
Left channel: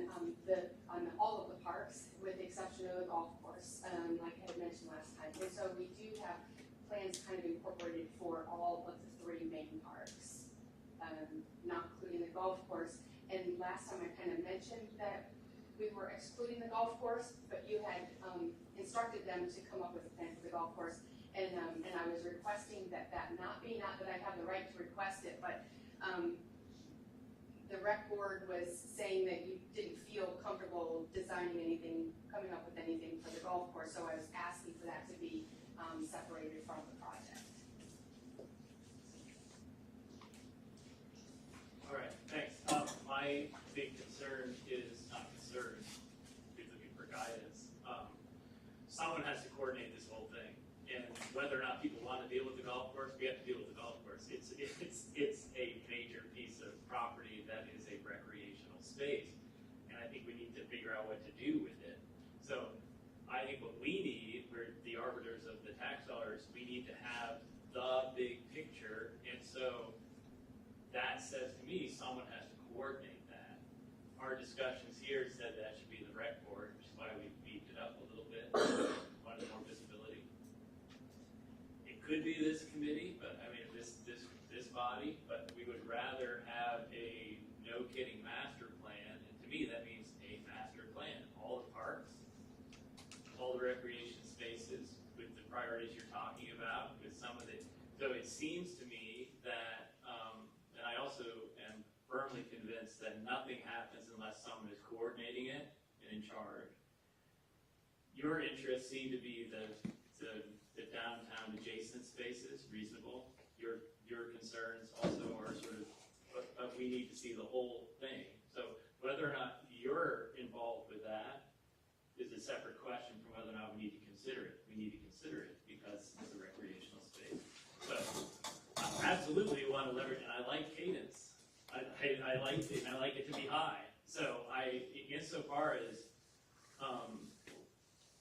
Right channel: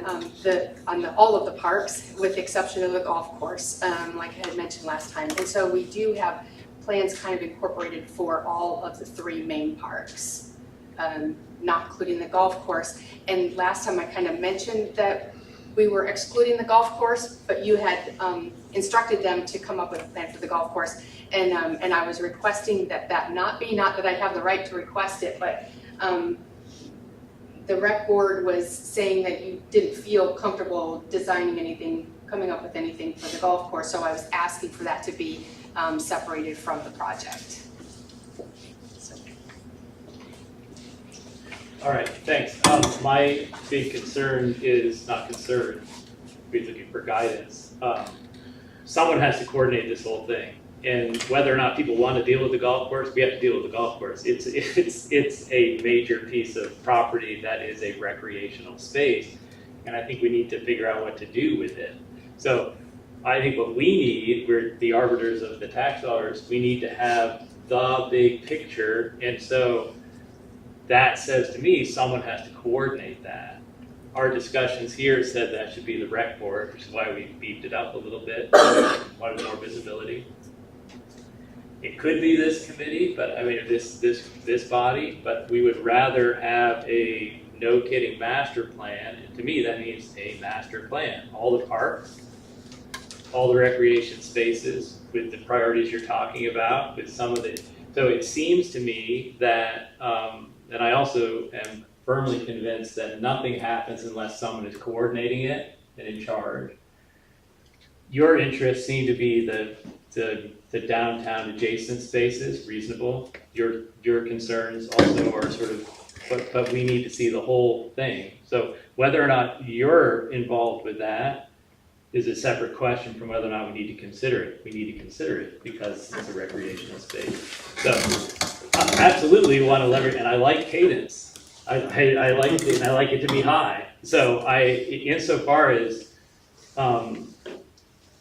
all of the parks, with the exception of the golf course, like I had mentioned last time. And so we do have plans kind of incorporated for all of the 3 main parks, not including the golf course. And last time I kind of mentioned that we were excluding the golf course, but you had instructed them to come up with a plan for the golf course. And I was requesting that not that I have the right to request it, but the rec board was saying that you didn't feel comfortable designing anything, coming up with anything for the golf course, so I was asking for that to be separated from the project. So. All right, thanks. My big concern is not concern, we're looking for guidance. Someone has to coordinate this whole thing. And whether or not people want to deal with the golf course, we have to deal with the golf course. It's a major piece of property that is a recreational space, and I think we need to figure out what to do with it. So I think what we need, we're the arbiters of the tax dollars, we need to have the big picture, and so that says to me someone has to coordinate that. Our discussions here said that should be the rec board, which is why we beefed it up a little bit, wanted more visibility. It could be this committee, but I mean, this body, but we would rather have a no-kidding master plan. And to me, that means a master plan. All the parks, all the recreation spaces with the priorities you're talking about, with some of the, so it seems to me that, and I also am firmly convinced that nothing happens unless someone is coordinating it and in charge. Your interests seem to be the downtown adjacent spaces, reasonable. Your concerns also are sort of, but we need to see the whole thing. So whether or not you're involved with that is a separate question from whether or not we need to consider it. We need to consider it because it's a recreational space. So absolutely want to leverage, and I like cadence. I like it, and I like it to be high. So insofar as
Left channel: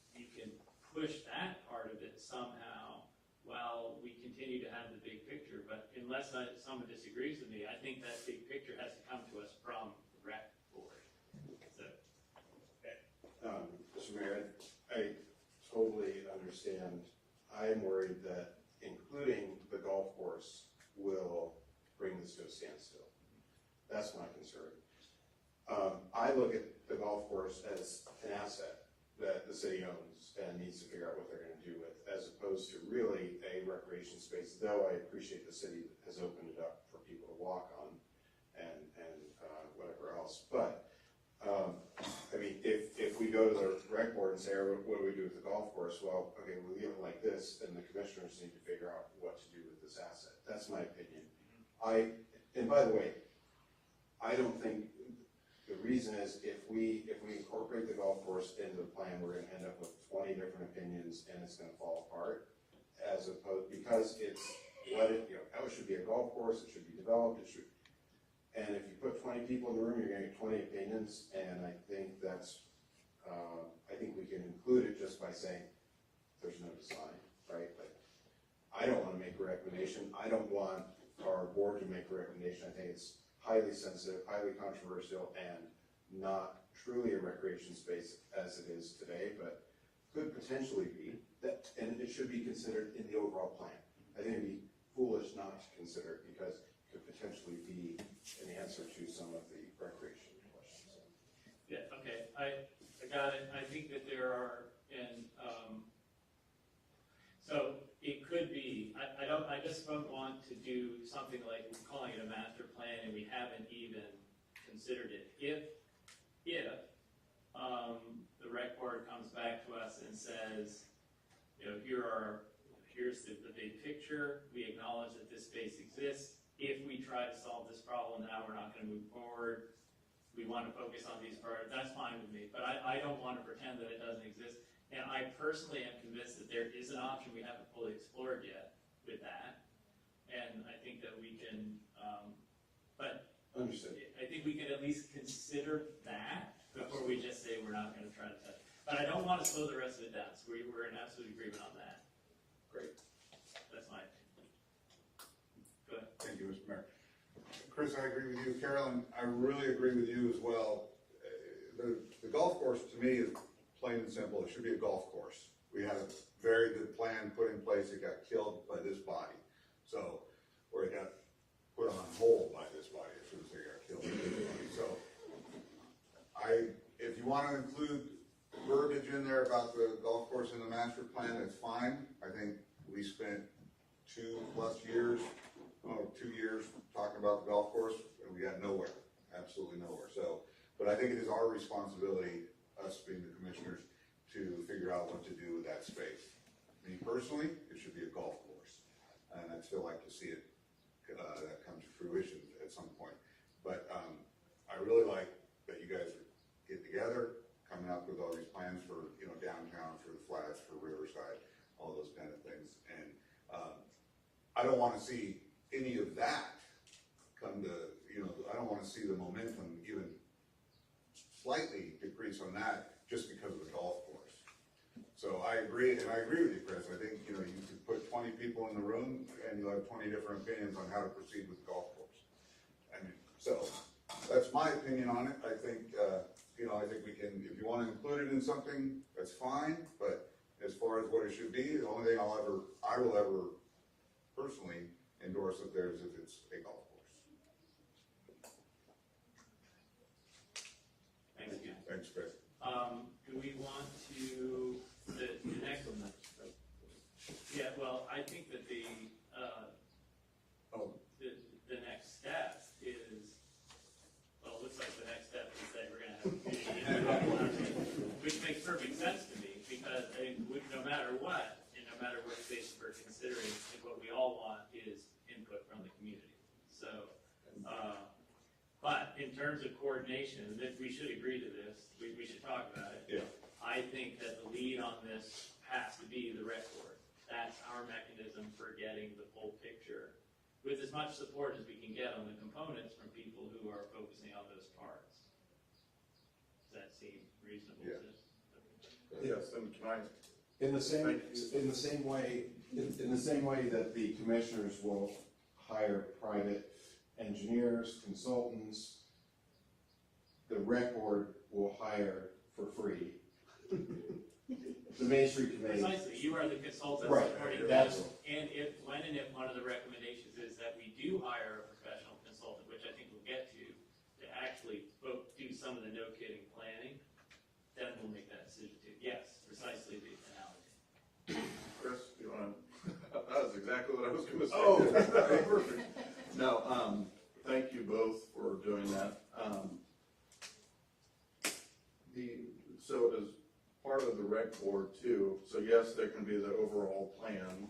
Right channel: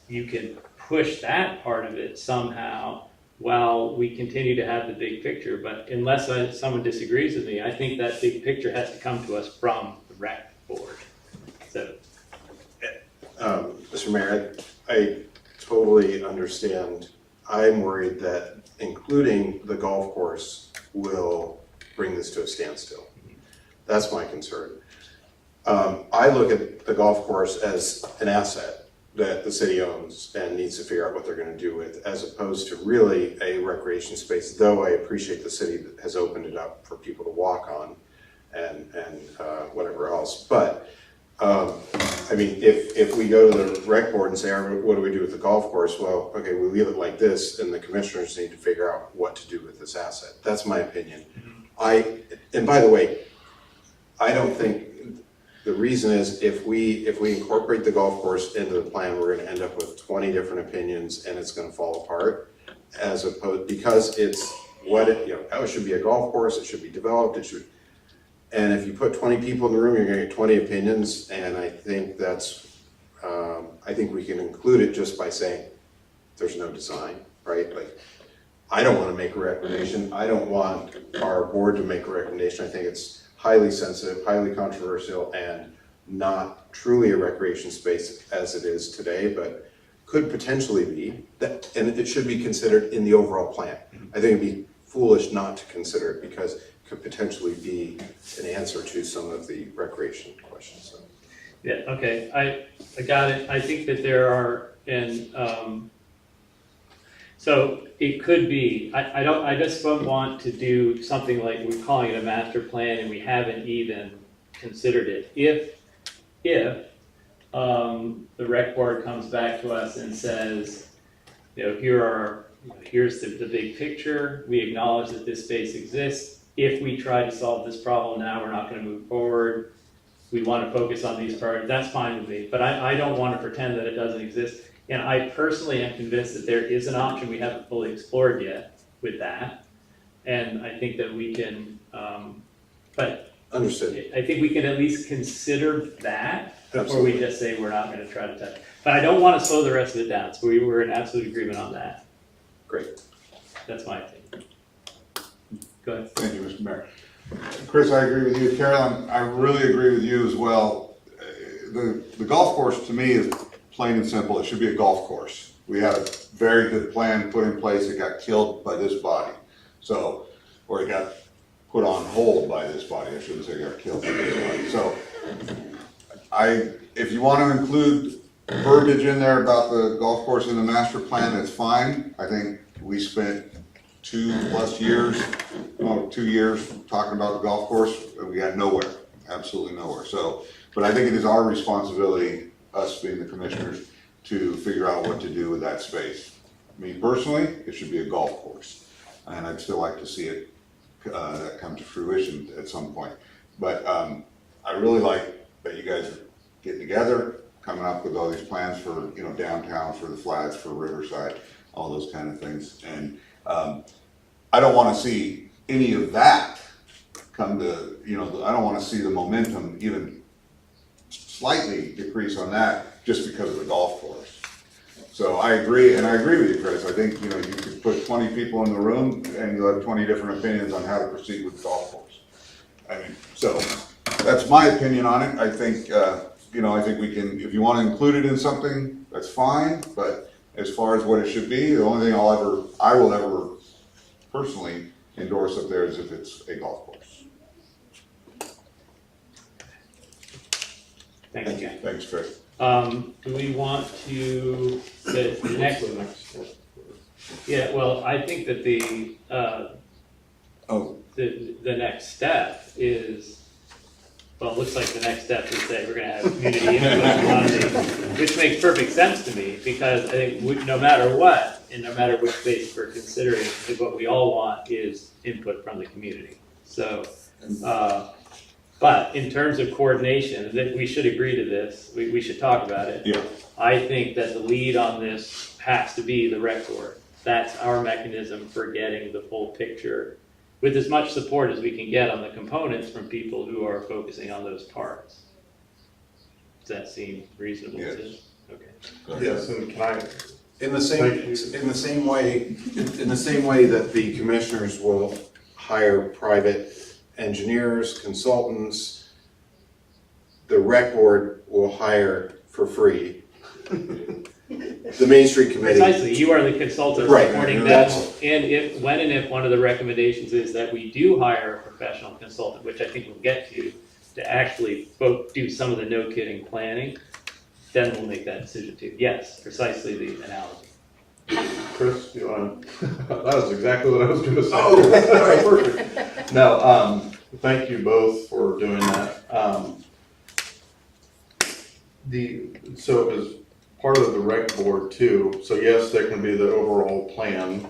you can push that part of it somehow while we continue to have the big picture. But unless someone disagrees with me, I think that big picture has to come to us from the rec board. So, Mr. Mayor, I totally understand I'm worried that including the golf course will bring this to a standstill. That's my concern. I look at the golf course as an asset that the city owns and needs to figure out what they're gonna do with, as opposed to really a recreation space, though I appreciate the city that has opened it up for people to walk on and whatever else. But, I mean, if we go to the rec board and say, what do we do with the golf course? Well, okay, we leave it like this, and the commissioners need to figure out what to do with this asset. That's my opinion. And by the way, I don't think, the reason is if we incorporate the golf course into the plan, we're gonna end up with 20 different opinions and it's gonna fall apart, as opposed, because it's what it, you know, oh, it should be a golf course, it should be developed, it should, and if you put 20 people in the room, you're gonna get 20 opinions, and I think that's, I think we can include it just by saying there's no design, right? Like, I don't wanna make a recommendation, I don't want our board to make a recommendation, I think it's highly sensitive, highly controversial, and not truly a recreation space as it is today, but could potentially be, that, and it should be considered in the overall plan. I think it'd be foolish not to consider it because it could potentially be an answer to some of the recreation questions. So. Yeah, okay, I got it. I think that there are, so it could be, I just don't want to do something like we're calling it a master plan and we haven't even considered it. If the rec board comes back to us and says, you know, here's the big picture, we acknowledge that this space exists. If we try to solve this problem now, we're not gonna move forward. We wanna focus on these priorities, that's fine with me. But I don't wanna pretend that it doesn't exist. And I personally am convinced that there is an option we haven't fully explored yet with that. And I think that we can, but Understood. I think we can at least consider that before we just say we're not gonna try to touch. But I don't wanna slow the rest of it down, so we were in absolute agreement on that. Great. That's my opinion. Go ahead. Thank you, Mr. Mayor. Chris, I agree with you. Carolyn, I really agree with you as well. The golf course to me is plain and simple. It should be a golf course. We had a very good plan put in place. It got killed by this body. So, or it got put on hold by this body. I shouldn't say it got killed by this body. So, if you want to include verbiage in there about the golf course in the master plan, that's fine. I think we spent 2+ years, 2 years talking about the golf course, and we got nowhere, absolutely nowhere. So, but I think it is our responsibility, us being the commissioners, to figure out what to do with that space. Me personally, it should be a golf course, and I'd still like to see it that come to fruition at some point. But I really like that you guys are getting together, coming up with all these plans for, you know, downtown, for the flats, for Riverside, all those kind of things. And I don't want to see any of that come to, you know, I don't want to see the momentum even slightly decrease on that just because of the golf course. So I agree, and I agree with you, Chris. I think, you know, you could put 20 people in the room and you'll have 20 different opinions on how to proceed with the golf course. I mean, so that's my opinion on it. I think, you know, I think we can, if you want to include it in something, that's fine. But as far as what it should be, the only thing I will ever personally endorse up there is if it's a golf course. Thank you. Thanks, Chris. Do we want to, the next, yeah, well, I think that the next step is, well, it looks like the next step is that we're gonna have community input on these, which makes perfect sense to me, because I think no matter what, and no matter which space we're considering, I think what we all want is input from the community. So, but in terms of coordination, that we should agree to this, we should talk about it. Yeah. I think that the lead on this has to be the rec board. That's our mechanism for getting the full picture with as much support as we can get on the components from people who are focusing on those parts. Does that seem reasonable? Yes. Okay. Yes, and can I, In the same way that the commissioners will hire private engineers, consultants, the rec board will hire for free the Main Street Committee. Precisely, you are the consultant Right, supporting and that. that's- And if, when and if one of the recommendations is that we do hire a professional consultant, which I think we'll get to actually both do some of the no kidding planning, then we'll make that decision too. Yes, precisely the analogy. Chris, do you wanna, that was exactly what I was gonna say. Oh, sorry. Perfect. No, thank you both for doing that. So as part of the rec board too, so yes, there can be the overall plan.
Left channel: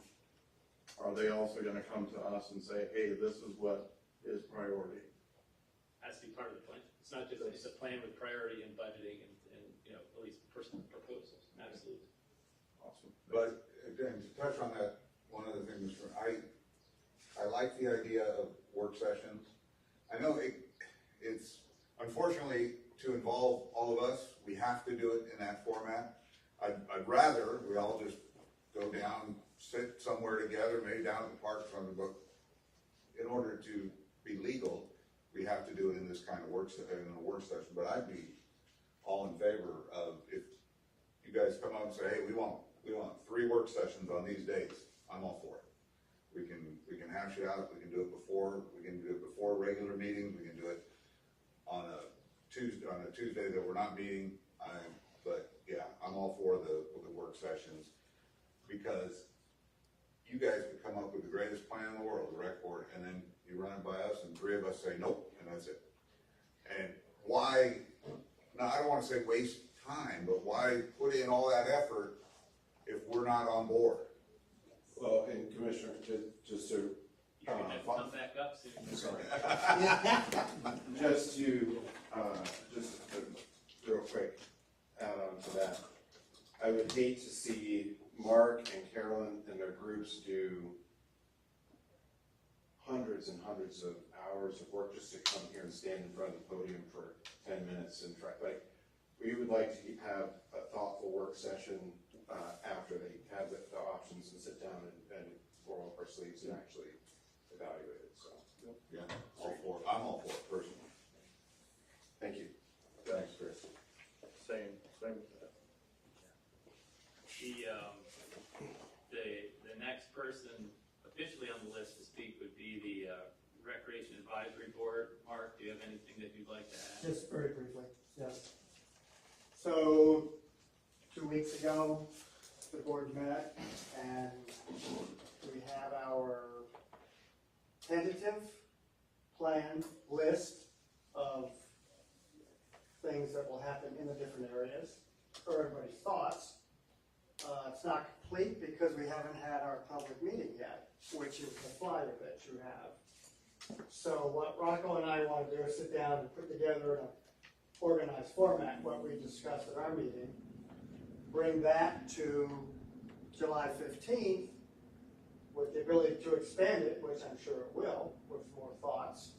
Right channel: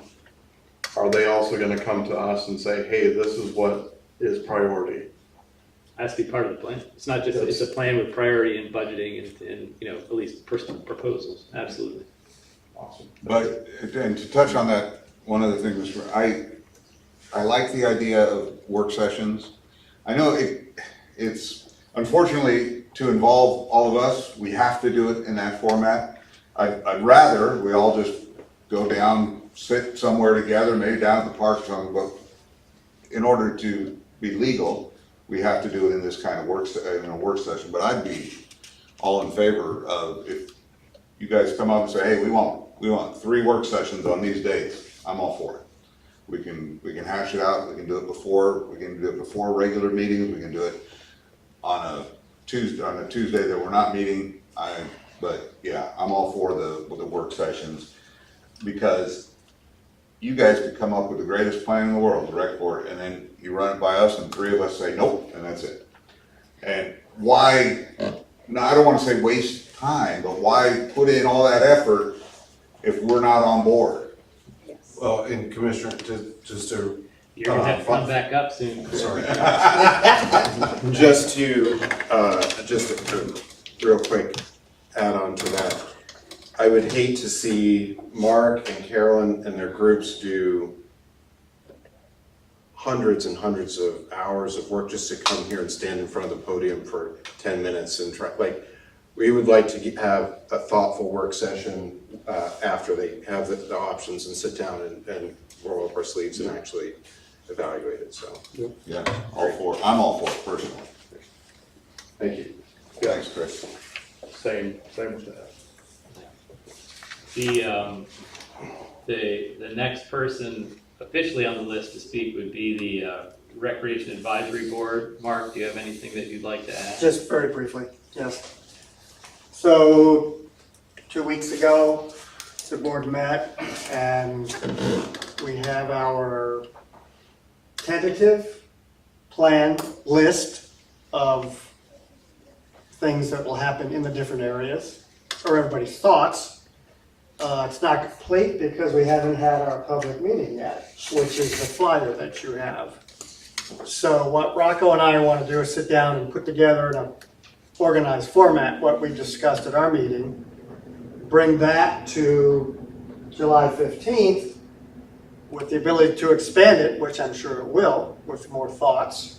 Are they also gonna come to us and say, hey, this is what is priority? Has to be part of the plan. It's not just, it's a plan with priority and budgeting and, you know, at least personal proposals, absolutely. Awesome. But, and to touch on that, one other thing was, I like the idea of work sessions. I know it's, unfortunately, to involve all of us, we have to do it in that format. I'd rather we all just go down, sit somewhere together, maybe down at the park or something, but in order to be legal, we have to do it in this kind of in a work session. But I'd be all in favor of if you guys come up and say, hey, we want 3 work sessions on these days, I'm all for it. We can hash it out, we can do it before regular meetings, we can do it on a Tuesday that we're not meeting. But yeah, I'm all for the work sessions, because you guys could come up with the greatest plan in the world, the rec board, and then you run it by us and 3 of us say nope, and that's it. And why, no, I don't wanna say waste time, but why put in all that effort if we're not on board? Well, and Commissioner, just to, You're gonna have to come back up soon. sorry. Just to real quick add on to that. I would hate to see Mark and Carolyn and their groups do hundreds and hundreds of hours of work just to come here and stand in front of the podium for 10 minutes and try, like, we would like to have a thoughtful work session after they have the options and sit down and roll up our sleeves and actually evaluate it, so. Yeah, I'm all for it personally. Thank you. Thanks, Chris. Same with that. The next person officially on the list to speak would be the Recreation Advisory Board. Mark, do you have anything that you'd like to add? Just very briefly, yes. So, 2 weeks ago, the board met and we have our tentative plan list of things that will happen in the different areas, or everybody's thoughts. It's not complete because we haven't had our public meeting yet, which is the flyer that you have. So what Rocco and I want to do is sit down and put together in a organized format what we discussed at our meeting, bring that to July 15th with the ability to expand it, which I'm sure it will, with more thoughts.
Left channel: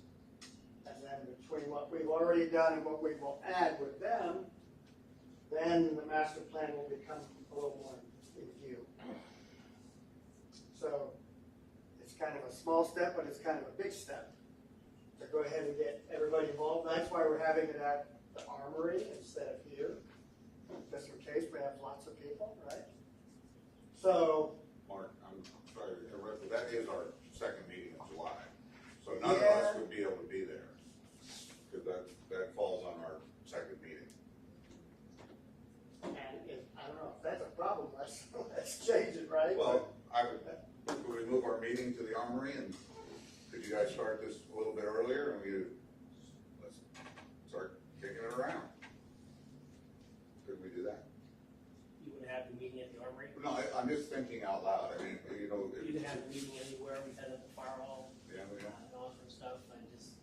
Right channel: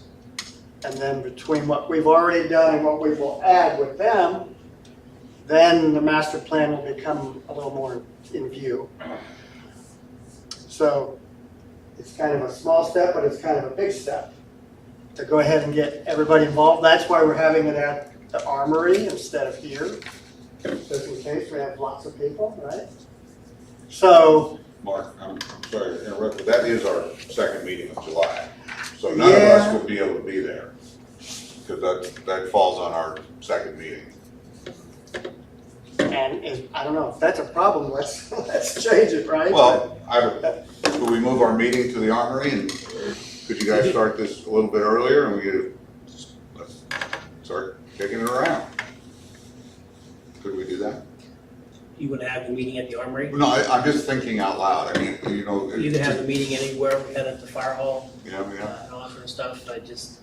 And then between what we've already done and what we will add with them, then the master plan will become a little more in view. So it's kind of a small step, but it's kind of a big step to go ahead and get everybody involved. That's why we're having it at the Armory instead of here, just in case we have lots of people, right? So, Mark, I'm sorry to interrupt, but that is our second meeting of July. So none of us would be able to be there, because that falls on our second meeting. and I don't know, if that's a problem, let's change it, right? Well, could we move our meeting to the Armory, and could you guys start this a little bit earlier, and let's start kicking it around? Could we do that? You would have the meeting at the Armory? No, I'm just thinking out loud, I mean, you know. You can have the meeting anywhere, we had at the fire hall, Yeah, yeah. and all that sort of stuff, I just,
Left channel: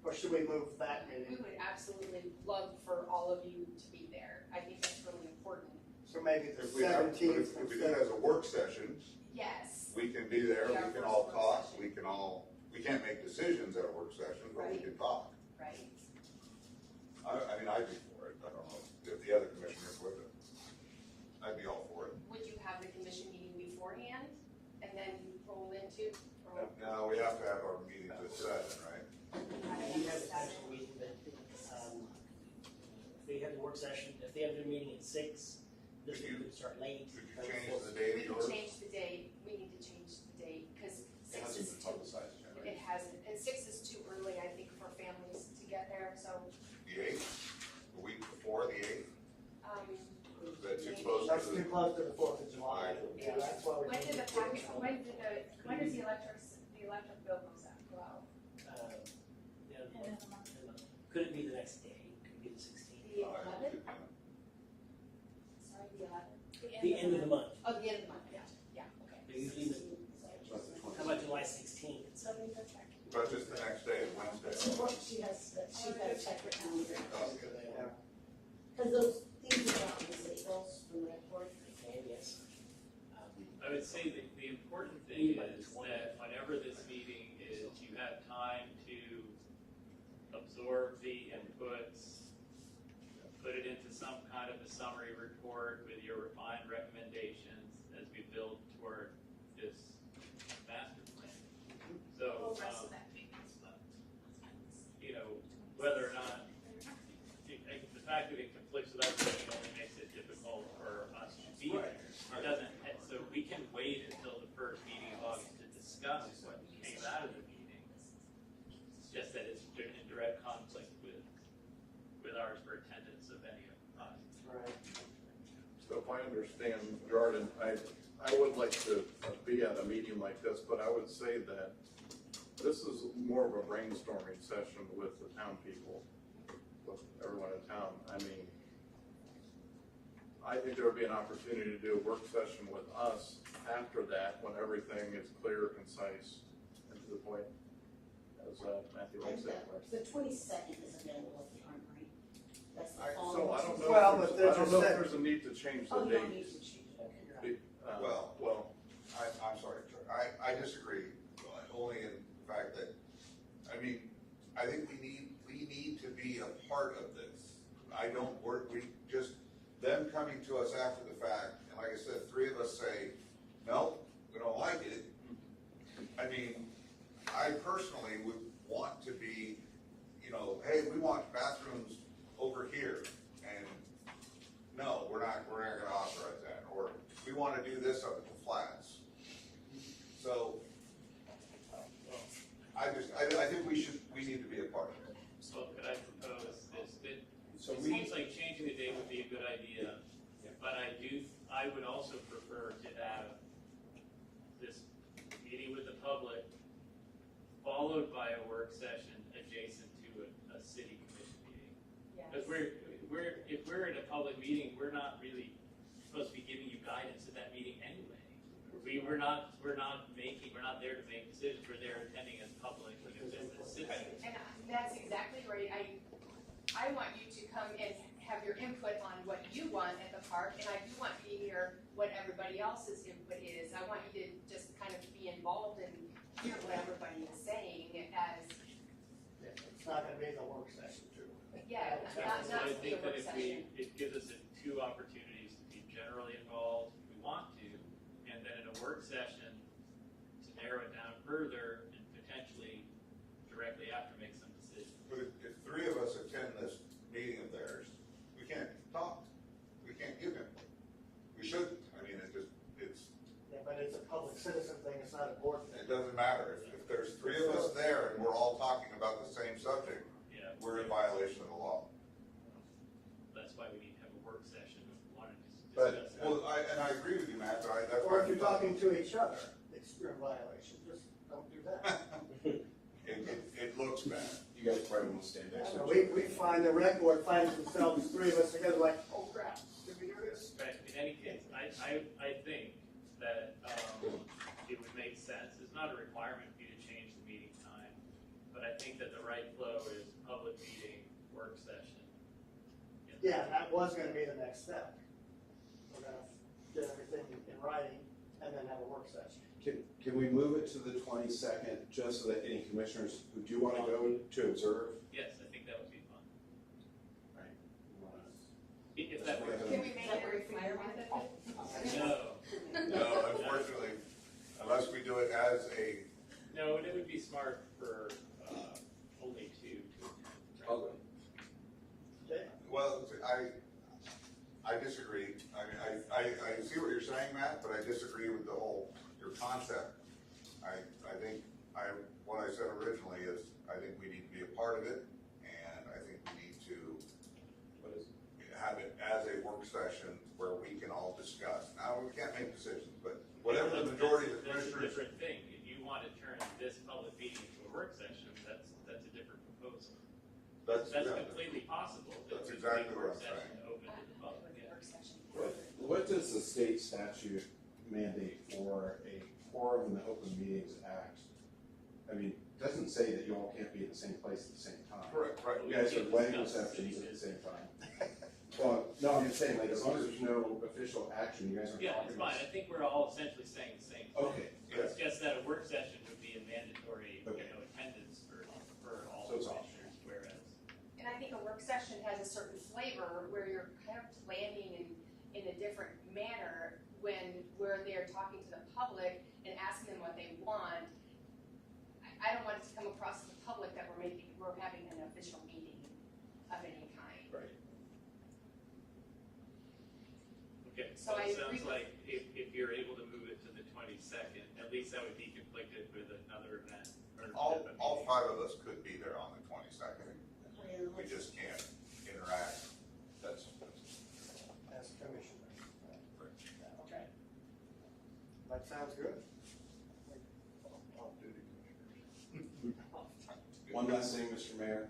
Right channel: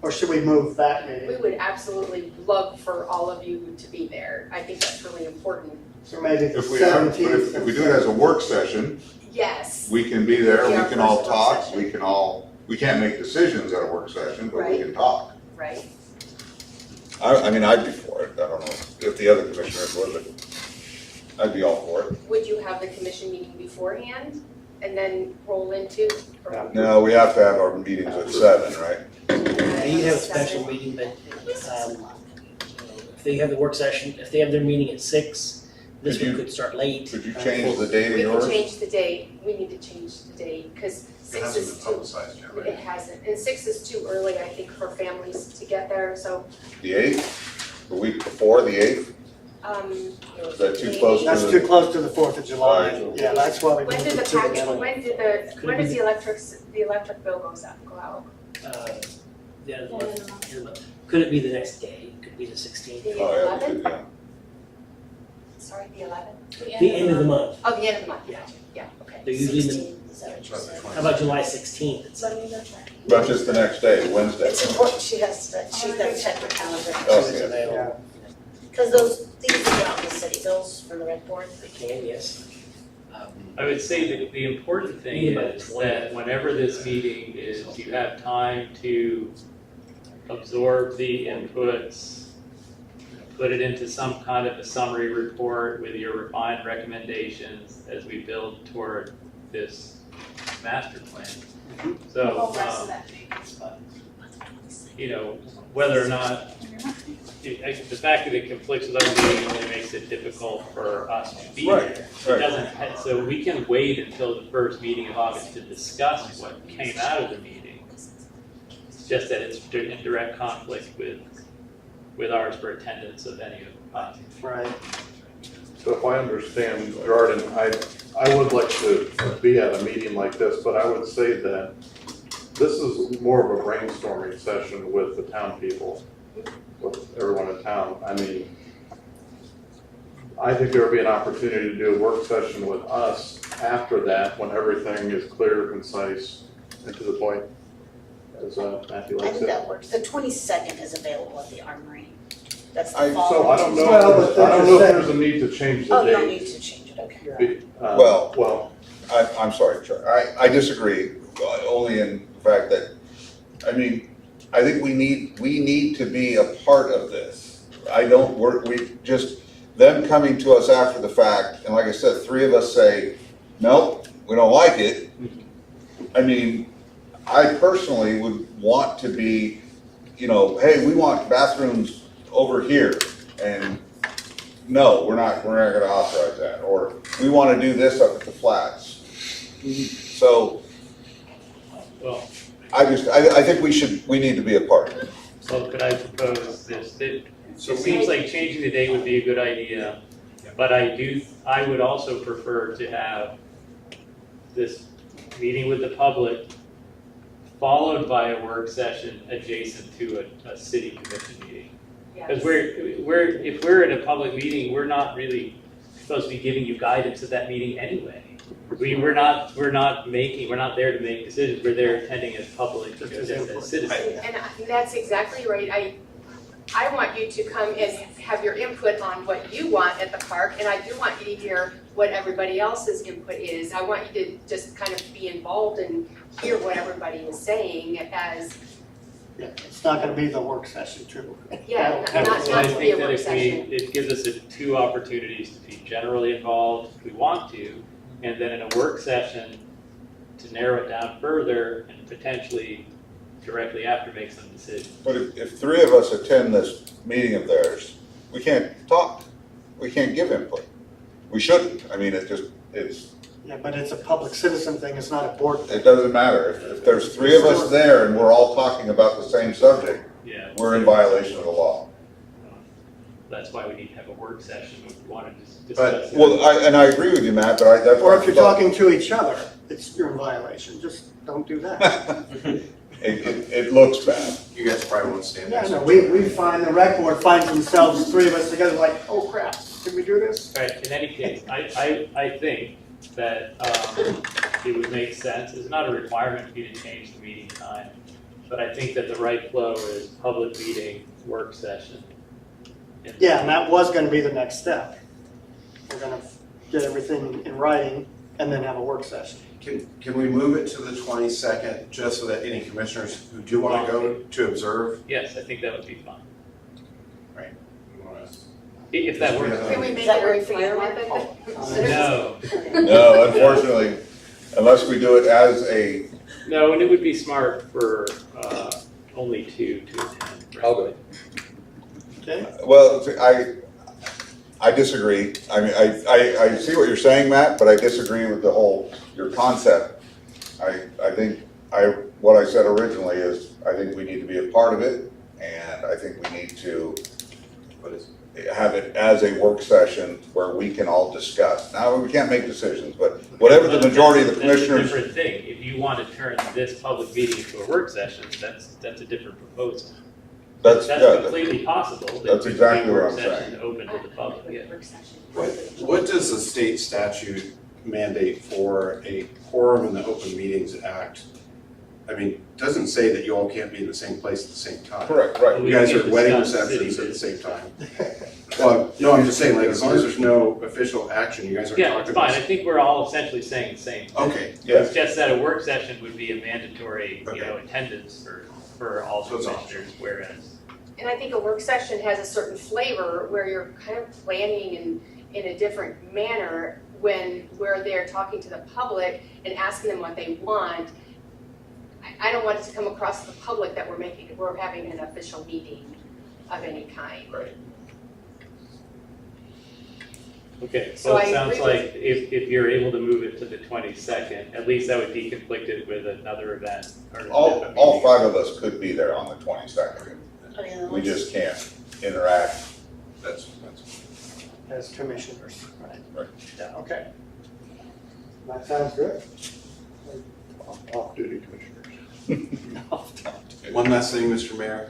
Or should we move that We meeting? would absolutely love for all of you to be there. I think that's really important. So maybe the If we do it 17th. as a work session, Yes. we can be there, Yeah, we can all first work talk, session. we can't make decisions at a work session, but we Right. can talk. Right. I mean, I'd be for it, I don't know if the other commissioners would, but I'd be all for it. Would you have the commission meeting beforehand and then roll into? or- No, we have to have our meetings at 7, right? you have a special meeting, but, if they have the work session, if they have their meeting at 6, this Could one you- could start late. Could you change the date of We can yours? change the date, we need to change the date, because It 6 hasn't is been too, publicized yet, it right? hasn't, and 6 is too early, I think, for families to get there, so, The 8th? The week before, the 8th? Is that too maybe- close That's too close to the 4th of July, yeah, that's why we When moved did it the to the package, middle. when does the electric bill go out? The end of the month. Could it be the next day? Could it be the 16th? The Oh, yeah, 11th? yeah. Sorry, the 11th? The end of the month. Oh, the end of the month, Yeah. yeah, okay. They're usually in the, Is that what you Not the said? 20th. how about July 16th? It's Let me know that. But just the next day, Wednesday. It's important, she has to, she's got to check her calendar. Oh, it's yeah. available. Because those, these are out in the city bills from the rent board. They can, yes. I would say that the important thing Maybe about is 20. that whenever this meeting is, you have time to absorb the inputs, put it into some kind of a summary report with your refined recommendations as we build toward this master plan. So, you know, whether or not, the fact that it conflicts with our meeting only makes it difficult for us to be Right, there. right. It doesn't, so we can wait until the first meeting of August to discuss what came out of the meeting. It's just that it's in direct conflict with ours for attendance of any of us. Right. So if I understand, Jordan, I would like to be at a meeting like this, but I would say that this is more of a brainstorming session with the town people, with everyone in town. I mean, I think there would be an opportunity to do a work session with us after that, when everything is clear, concise, and to the point, as Matthew I likes think it. that works. The 22nd is available at the Armory. That's I- the fall. So I don't know, Well, if but there's- I don't know if that's there's a need to change the Oh, you don't date. need to change it, okay. Well, I'm sorry, Chuck, I disagree, only in the fact that, I mean, I think we need to be a part of this. We just, them coming to us after the fact, and like I said, 3 of us say, nope, we don't like it. I mean, I personally would want to be, you know, hey, we want bathrooms over here, and no, we're not gonna authorize that, or we wanna do this up at the flats. So, Well, I think we need to be a part of it. so could I propose this? It So seems like changing the date would be a good idea, but I would also prefer to have this meeting with the public followed by a work session adjacent to a city commission meeting. Because if we're in a public meeting, we're not really supposed to be giving you guidance at that meeting anyway. We're not there to make decisions, we're there attending as public, just as citizens. And that's exactly right. I want you to come and have your input on what you want at the park, and I do want you to hear what everybody else's input is. I want you to just kind of be involved and hear what everybody is saying as, Yeah, it's not gonna be the work session too. yeah, That'll- not So I to be a think that work if session. it gives us two opportunities to be generally involved if we want to, and then in a work session to narrow it down further and potentially directly after make some decisions. But if 3 of us attend this meeting of theirs, we can't talk, we can't give input. We shouldn't, I mean, Yeah, but it's a public citizen thing, it's not a board thing. it doesn't matter. If there's 3 of us there and we're all talking about the same subject, Yeah. we're in violation of the law. That's why we need to have a work session if we want to But- discuss it. Well, I agree with you, Matt, but that's. Or if you're talking to each other, you're in violation, just don't do that. It looks bad. You guys probably won't stand Yeah, next no, to we each other. find, the rec board finds themselves, 3 of us together, like, oh crap, can we do this? All right, in any case, I think that it would make sense, it's not a requirement for you to change the meeting time, but I think that the right flow is public meeting, work session. Yeah, and that was gonna be the next step. We're gonna get everything in writing and then have a work session. Can we move it to the 22nd, just so that any commissioners who do want to go to observe? Yes, I think that would be fun, you wanna- if that works. Can we Does make that it a work for you? requirement? No, No, unfortunately, unless we do it as a, no, and it would be smart for only 2 to attend. I'll go. Okay, Well, I disagree. I mean, I see what you're saying, Matt, but I disagree with your concept. I think, what I said originally is, I think we need to be a part of it, and I think we need to have it as a work session where we can all discuss. Now, we can't make decisions, but whatever the majority of the commissioners. That's a different thing. If you want to turn this public meeting into a work session, that's a different proposal. That's completely possible. that's exactly what I'm Work session saying. open to the public, yeah. What does the state statute mandate for a quorum in the Open Meetings Act? I mean, it doesn't say that you all can't be in the same place at the same time. Correct, right. You guys are at wedding Discuss city receptions at the business. same time. Well, no, I'm just saying, like, as long as there's no official action, you guys are Yeah, talking it's about. fine. I think we're all essentially saying the same. Okay, It's just that a work session would be a mandatory, Okay. attendance for all So it's commissioners, whereas. And I think a work session has a certain flavor where you're kind of planning in a different manner where they're talking to the public and asking them what they want. I don't want it to come across to the public that we're having an official meeting of any kind. right. Okay, So so I it sounds agree with- like if you're able to move it to the 22nd, at least that would be conflicted with another event or. All five of us could be there on the 22nd. Oh, yeah, We let's- just can't interact. That's. as commissioners, right? Right. Yeah, okay. That sounds good. Off-duty commissioners. One last thing, Mr. Mayor.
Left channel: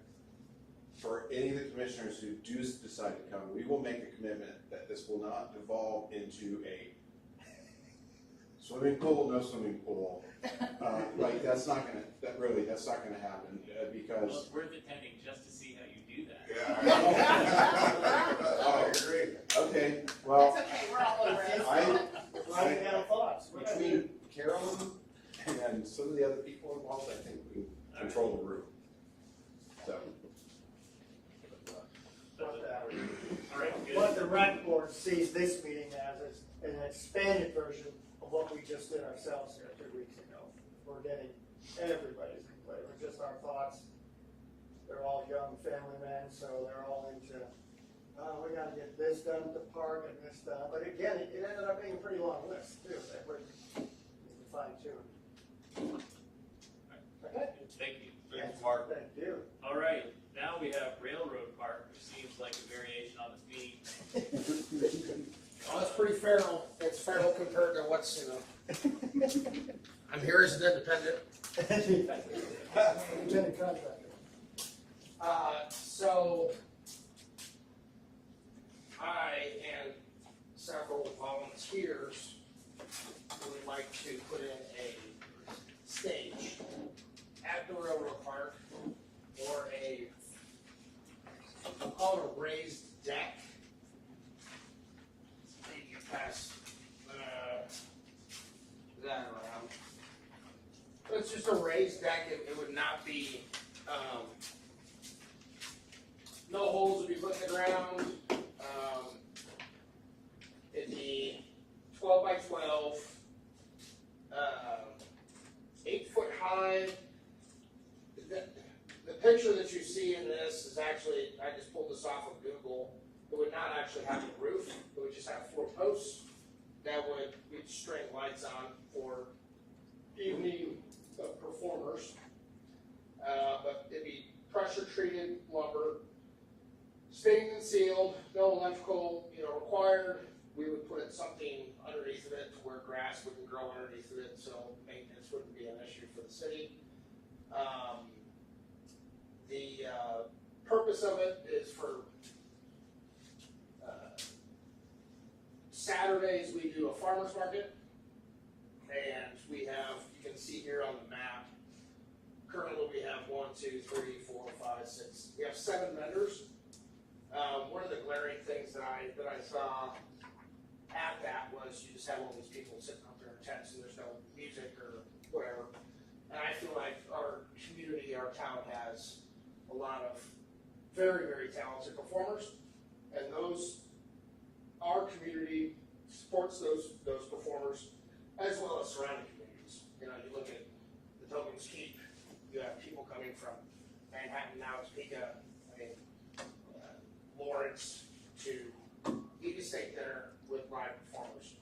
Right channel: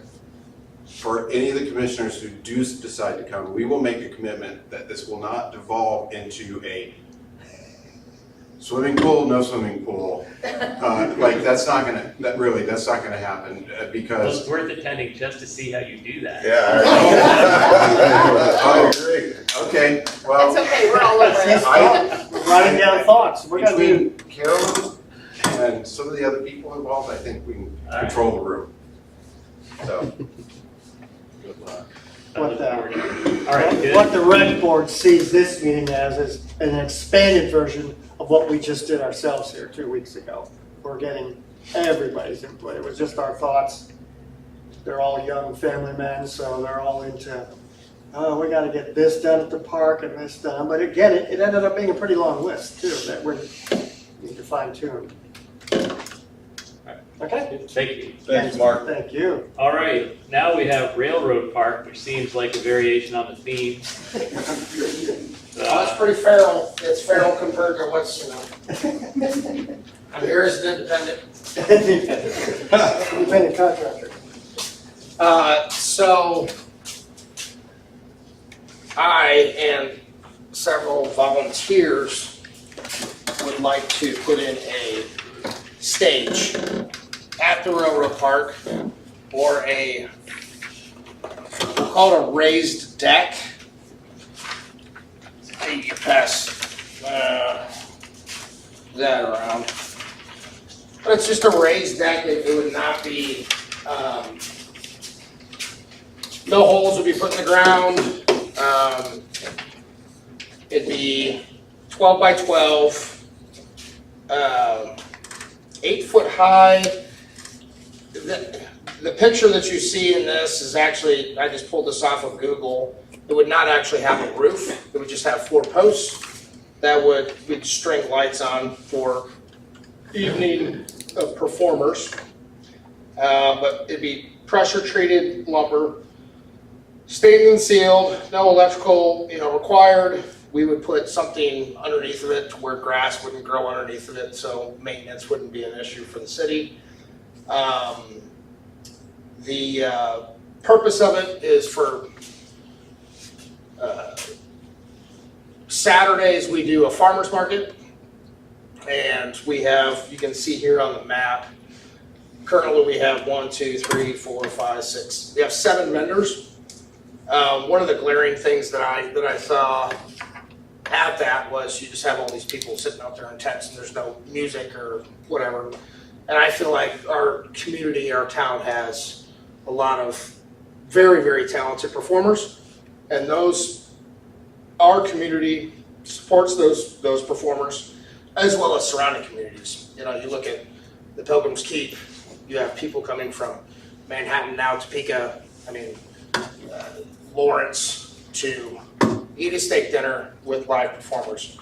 For any of the commissioners who do decide to come, we will make a commitment that this will not devolve into a swimming pool, no swimming pool. Like, that's not gonna happen, Well, because. it's worth attending just to see how you do that. Yeah. I agree. Okay, well. That's okay, we're all over it. We're writing down thoughts, we're gonna be, Between Carolyn and some of the other people involved, I think we can All right. control the room. So, Good luck. What the- All right, good. what the rec board sees this meeting as is an expanded version of what we just did ourselves here 2 weeks ago. We're getting everybody's input, it was just our thoughts. They're all young family men, so they're all into, oh, we gotta get this done at the park and this done, but again, it ended up being a pretty long list too, that we need to fine tune. Okay? Thank you. Thanks, Mark. Thank you. All right, now we have Railroad Park, which seems like a variation on the theme. That's pretty feral. It's feral compared to what's, I'm here as an independent. Independent contractor. So I and several volunteers would like to put in a stage at the railroad park or we'll call it a raised deck. You can pass that around. But it's just a raised deck, it would not be, no holes would be put in the ground. It'd be 12 by 12, 8 foot high. The picture that you see in this is actually, I just pulled this off of Google. It would not actually have a roof, it would just have 4 posts that we'd string lights on for evening of performers. But it'd be pressure treated lumber, stained and sealed, no electrical, required. We would put something underneath of it to where grass wouldn't grow underneath of it, so maintenance wouldn't be an issue for the city. The purpose of it is for Saturdays we do a farmer's market, and we have, you can see here on the map, currently we have 1, 2, 3, 4, 5, 6, we have 7 vendors. One of the glaring things that I saw at that was you just have all these people sitting out there in tents and there's no music or whatever. And I feel like our community, our town has a lot of very, very talented performers, and our community supports those performers as well as surrounding communities. You look at the Pilgrim's Keep, you have people coming from Manhattan now, Topeka, Lawrence to eat a steak dinner with live performers.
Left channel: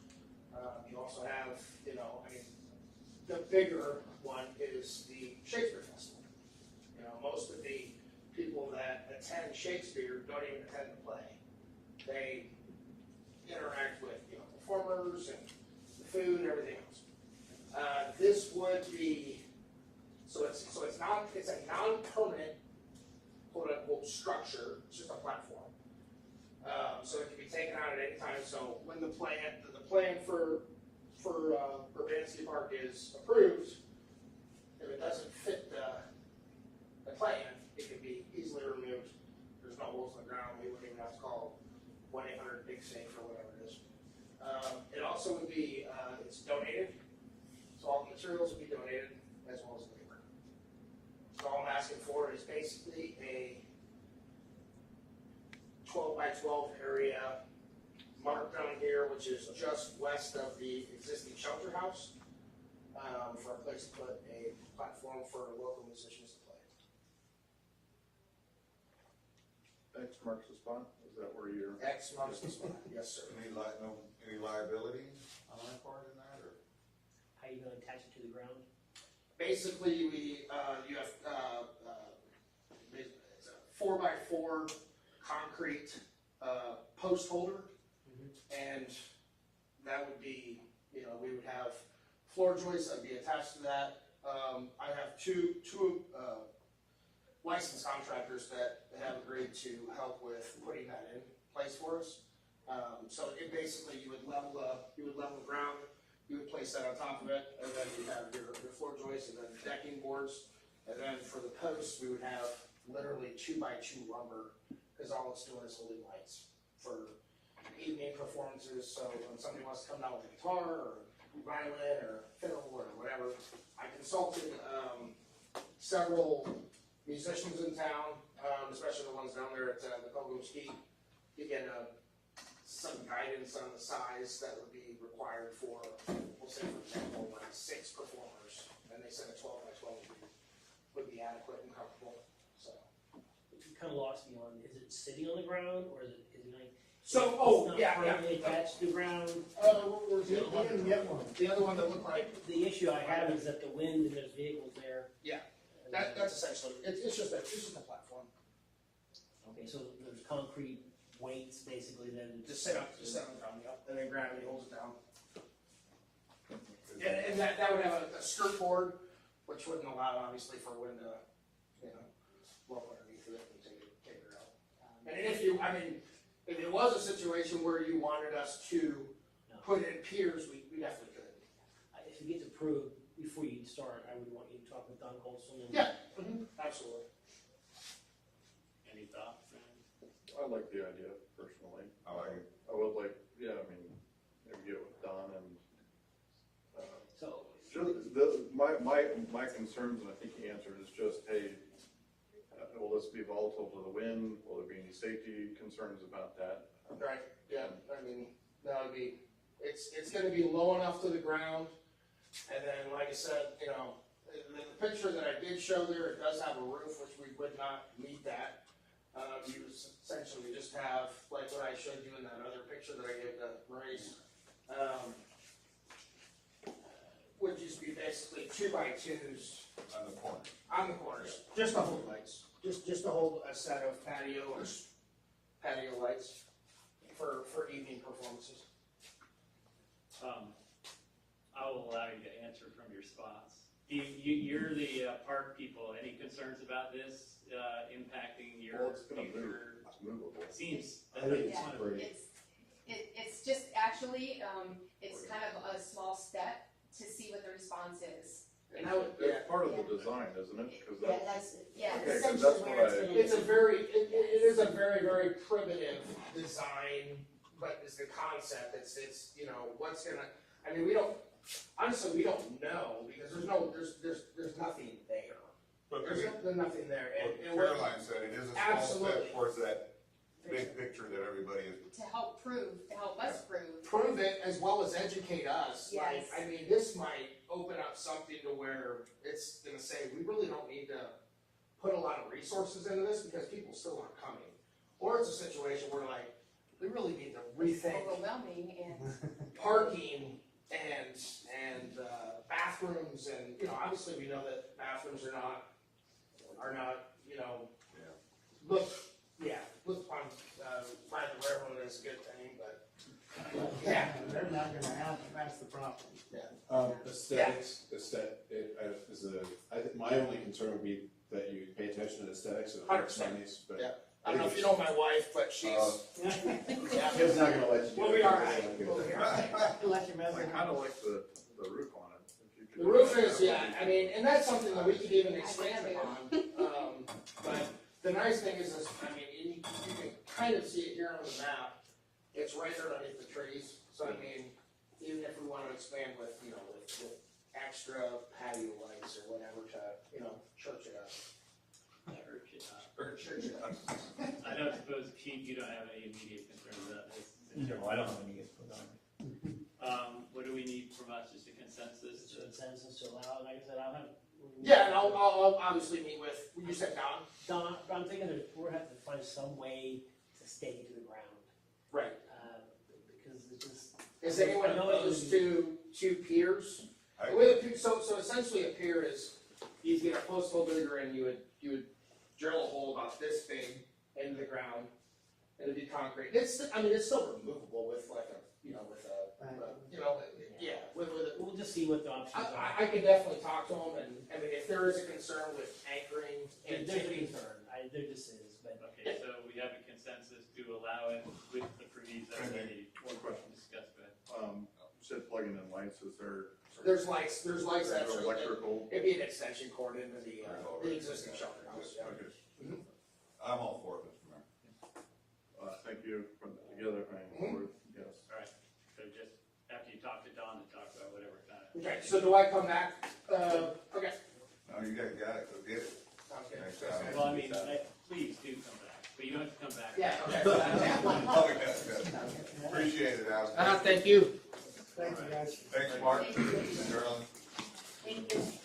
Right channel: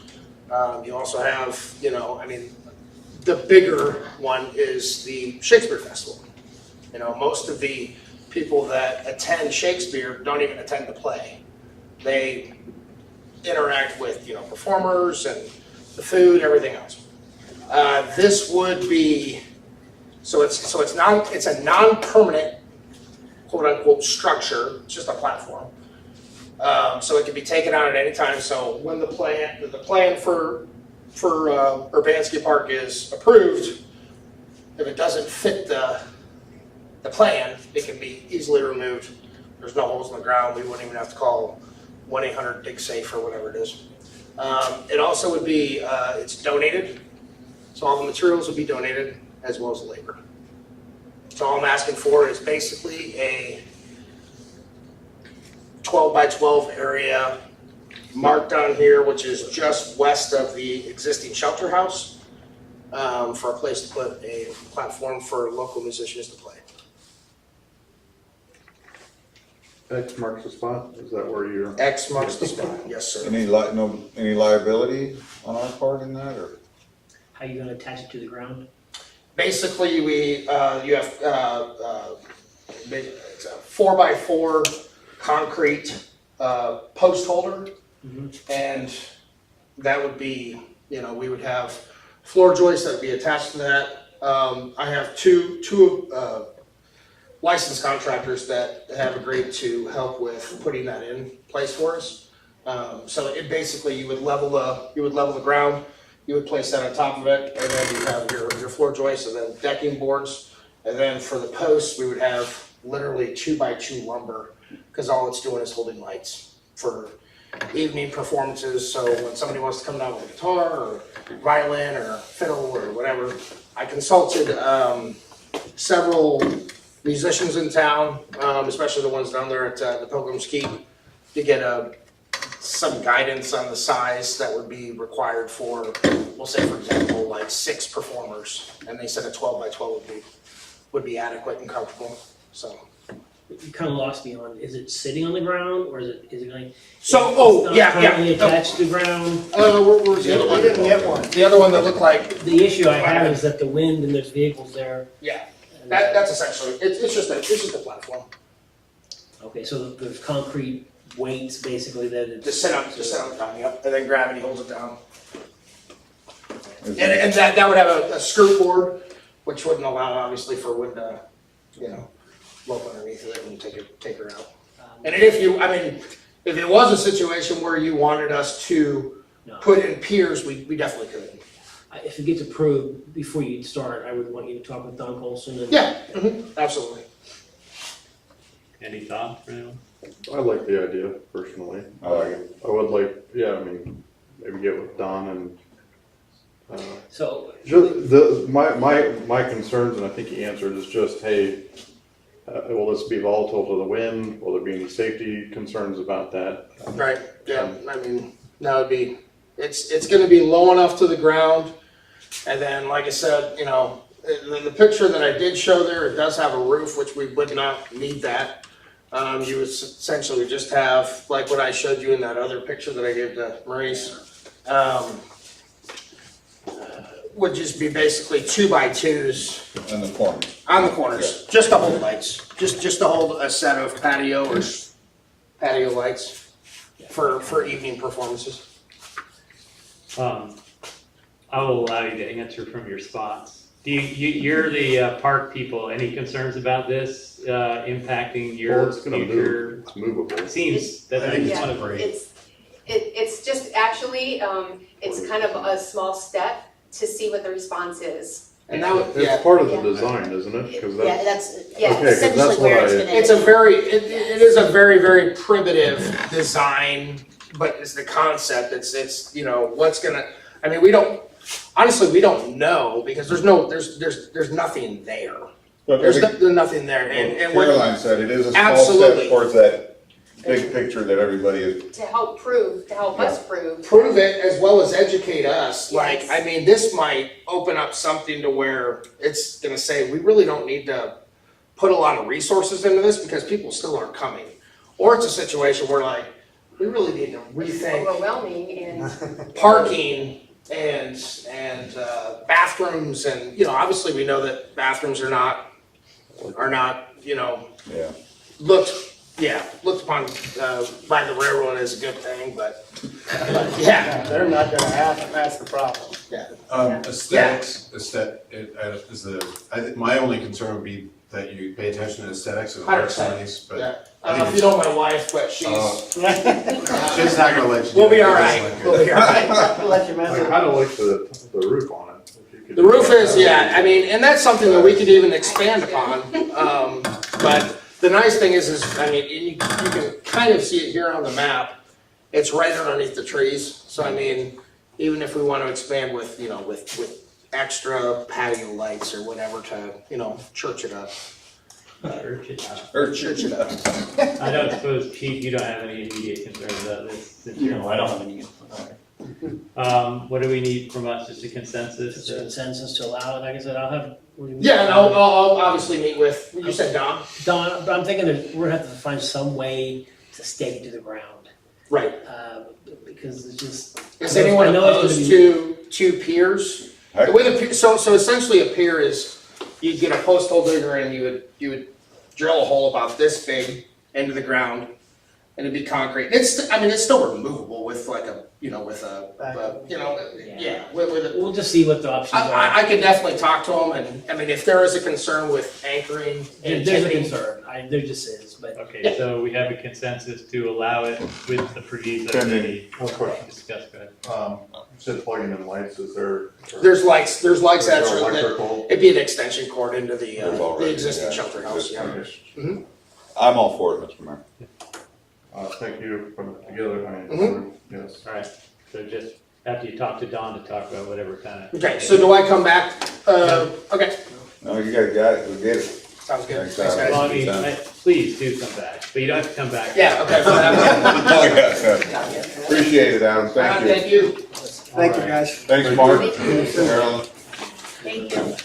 You also have, the bigger one is the Shakespeare Festival. Most of the people that attend Shakespeare don't even attend the play. They interact with, performers and the food, everything else. This would be, it's a non-permanent, quote unquote, structure, it's just a platform. So it can be taken out at any time, so when the plan for Urbanski Park is approved, if it doesn't fit the plan, it can be easily removed. There's no holes in the ground, we wouldn't even have to call 1-800-DIG-SAFE or whatever it is. It also would be, it's donated, so all the materials would be donated as well as the labor. So all I'm asking for is basically a 12 by 12 area marked on here, which is just west of the existing shelter house, for a place to put a platform for local musicians to play. X marks the spot, is that where you're? X marks the spot, yes, sir. Any liability on our part in that, or? How are you gonna attach it to the ground? Basically, you have, it's a 4x4 concrete, post holder. And that would be, we would have floor joists that would be attached to that. I have two licensed contractors that have agreed to help with putting that in place for us. So it basically, you would level the ground, you would place that on top of it, and then you have your floor joists and then decking boards. And then for the posts, we would have literally 2x2 lumber, because all it's doing is holding lights for evening performances. So when somebody wants to come down with a guitar or violin or fiddle or whatever, I consulted several musicians in town, especially the ones down there at the Pilgrim's Keep, to get some guidance on the size that would be required for, we'll say for example, like 6 performers, and they said a 12 by 12 would be adequate and comfortable. So You kind of lost me on, is it sitting on the ground, or is it going? So, It's not currently attached to the ground? Where's the other one? I didn't get one. The other one that looked like, The issue I have is that the wind and there's vehicles there. yeah, and, that's essentially, it's just a platform. Okay, so there's concrete weights basically that it's. Just sit on the ground, yep, and then gravity holds it down. And that would have a skirt board, which wouldn't allow obviously for wind to, blow up underneath of it and take her out. And if it was a situation where you wanted us to No. put in piers, we definitely could. If it gets approved, before you start, I would want you to talk with Don Colson and. Yeah, absolutely. Any thoughts for anyone? I like the idea personally. I like it. I would like, maybe get with Don and, So. my concerns, and I think he answered, is just, hey, will this be volatile to the wind? Will there be any safety concerns about that? Right, yeah, that would be, it's gonna be low enough to the ground, and then, like I said, the picture that I did show there, it does have a roof, which we would not need that. You would essentially just have, like what I showed you in that other picture that I gave to Maurice, would just be basically 2x2s In the corner. on the corners, just to hold lights, just to hold a set of patio lights for evening performances. I will allow you to answer from your spots. You're the park people, any concerns about this impacting Well, your it's gonna future? move, it's movable. It seems that it's Yeah, one of it's just actually, it's kind of a small step to see what the response is. And that would, It's part of the design, isn't it? 'Cause Yeah, that, that's Yeah. Okay, 'cause essentially that's where what it's I- gonna. it's it is a very, very primitive design, but it's the concept, it's, what's gonna, we don't know, because there's nothing there. But There's nothing there, and what, Caroline said, it is a small Absolutely. step towards that big picture that everybody is. To help us prove. prove it as well as educate us, like, Yes. this might open up something to where it's gonna say, we really don't need to put a lot of resources into this because people still aren't coming. or it's a situation where like, we really need to rethink Overwhelming and parking and bathrooms and, obviously we know that bathrooms are not, Yeah. looked upon by the railroad as a good thing, but yeah. They're not gonna happen, that's the problem. Aesthetics, my only concern would be that you pay attention to aesthetics and it looks 100%. nice, but Yeah. I don't know if you know my wife, but she's she's not gonna let you. we'll be do it. all It's right. not good. We'll be all right. Let you I mess it. kinda like the roof on it. If you could The do roof that. is, and that's something that we could even expand upon. But the nice thing is, you can kind of see it here on the map. It's right underneath the trees. So even if we want to expand with, with extra patio lights or whatever to, church it up. Church it up. I don't suppose, Chief, you don't have any immediate concerns about this? since you're- No, I don't have any. What do we need from us, just a consensus? Just a consensus to allow it, like I said, I'll have. Yeah, and I'll obviously meet with, you said Don? Don, but I'm thinking that we're gonna have to find some way to stake it to the ground. Right. Because it's just. Is anyone I know it's opposed gonna to two piers? The way the pier, so essentially a pier is, you'd get a post hole digger and you would drill a hole about this big into the ground, and it'd be concrete. It's still removable with like a, with a, with a. We'll just see what the options are. I could definitely talk to them, and if there is a concern with anchoring and There's a tipping. concern, there just is, but. Okay, so we have a consensus to allow it with the proviso that we One question. discussed, go ahead. You said plugging in lights, is there? There's lights There's actually, no that, electrical? it'd be an extension cord into the There's already, existing yeah, shelter house, yeah. existing. I'm all for it, Mr. Mayor. Thank you for putting it together, yes. Alright, so just after you talk to Don to talk about whatever kind of. Okay, so do I come back? Okay, No, you guys got it, we get it. sounds good. Thanks, Thanks, Al. guys. Well, I mean, please do come back, but you don't have to come back. Yeah, okay. Appreciate it, Adam, thank you. Thank you. Thank you, guys. Thanks, Mark. Thank you. Marilyn. Thank you.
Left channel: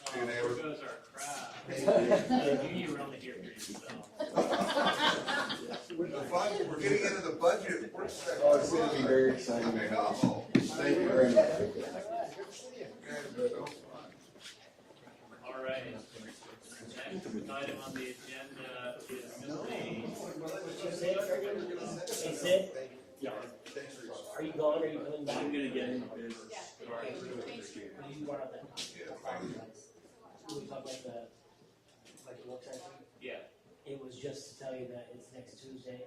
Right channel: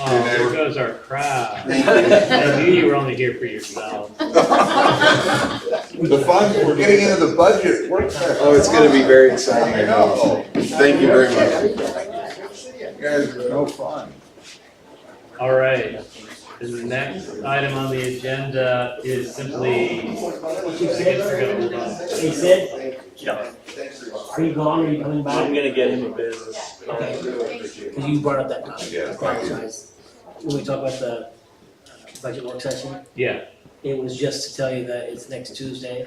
Oh, there goes our crowd. I knew you were only here for yourself. The fun, we're getting into the budget work session. Oh, it's gonna be very exciting, I know. Thank you very much. You guys are no fun. All right, the next item on the agenda is simply. Hey, Sid? Are you gone, are you coming back? I'm gonna get him a business. Because you brought up that topic, Yeah. I apologize. When we talk about the budget work session, Yeah, it was just to tell you that it's next Tuesday.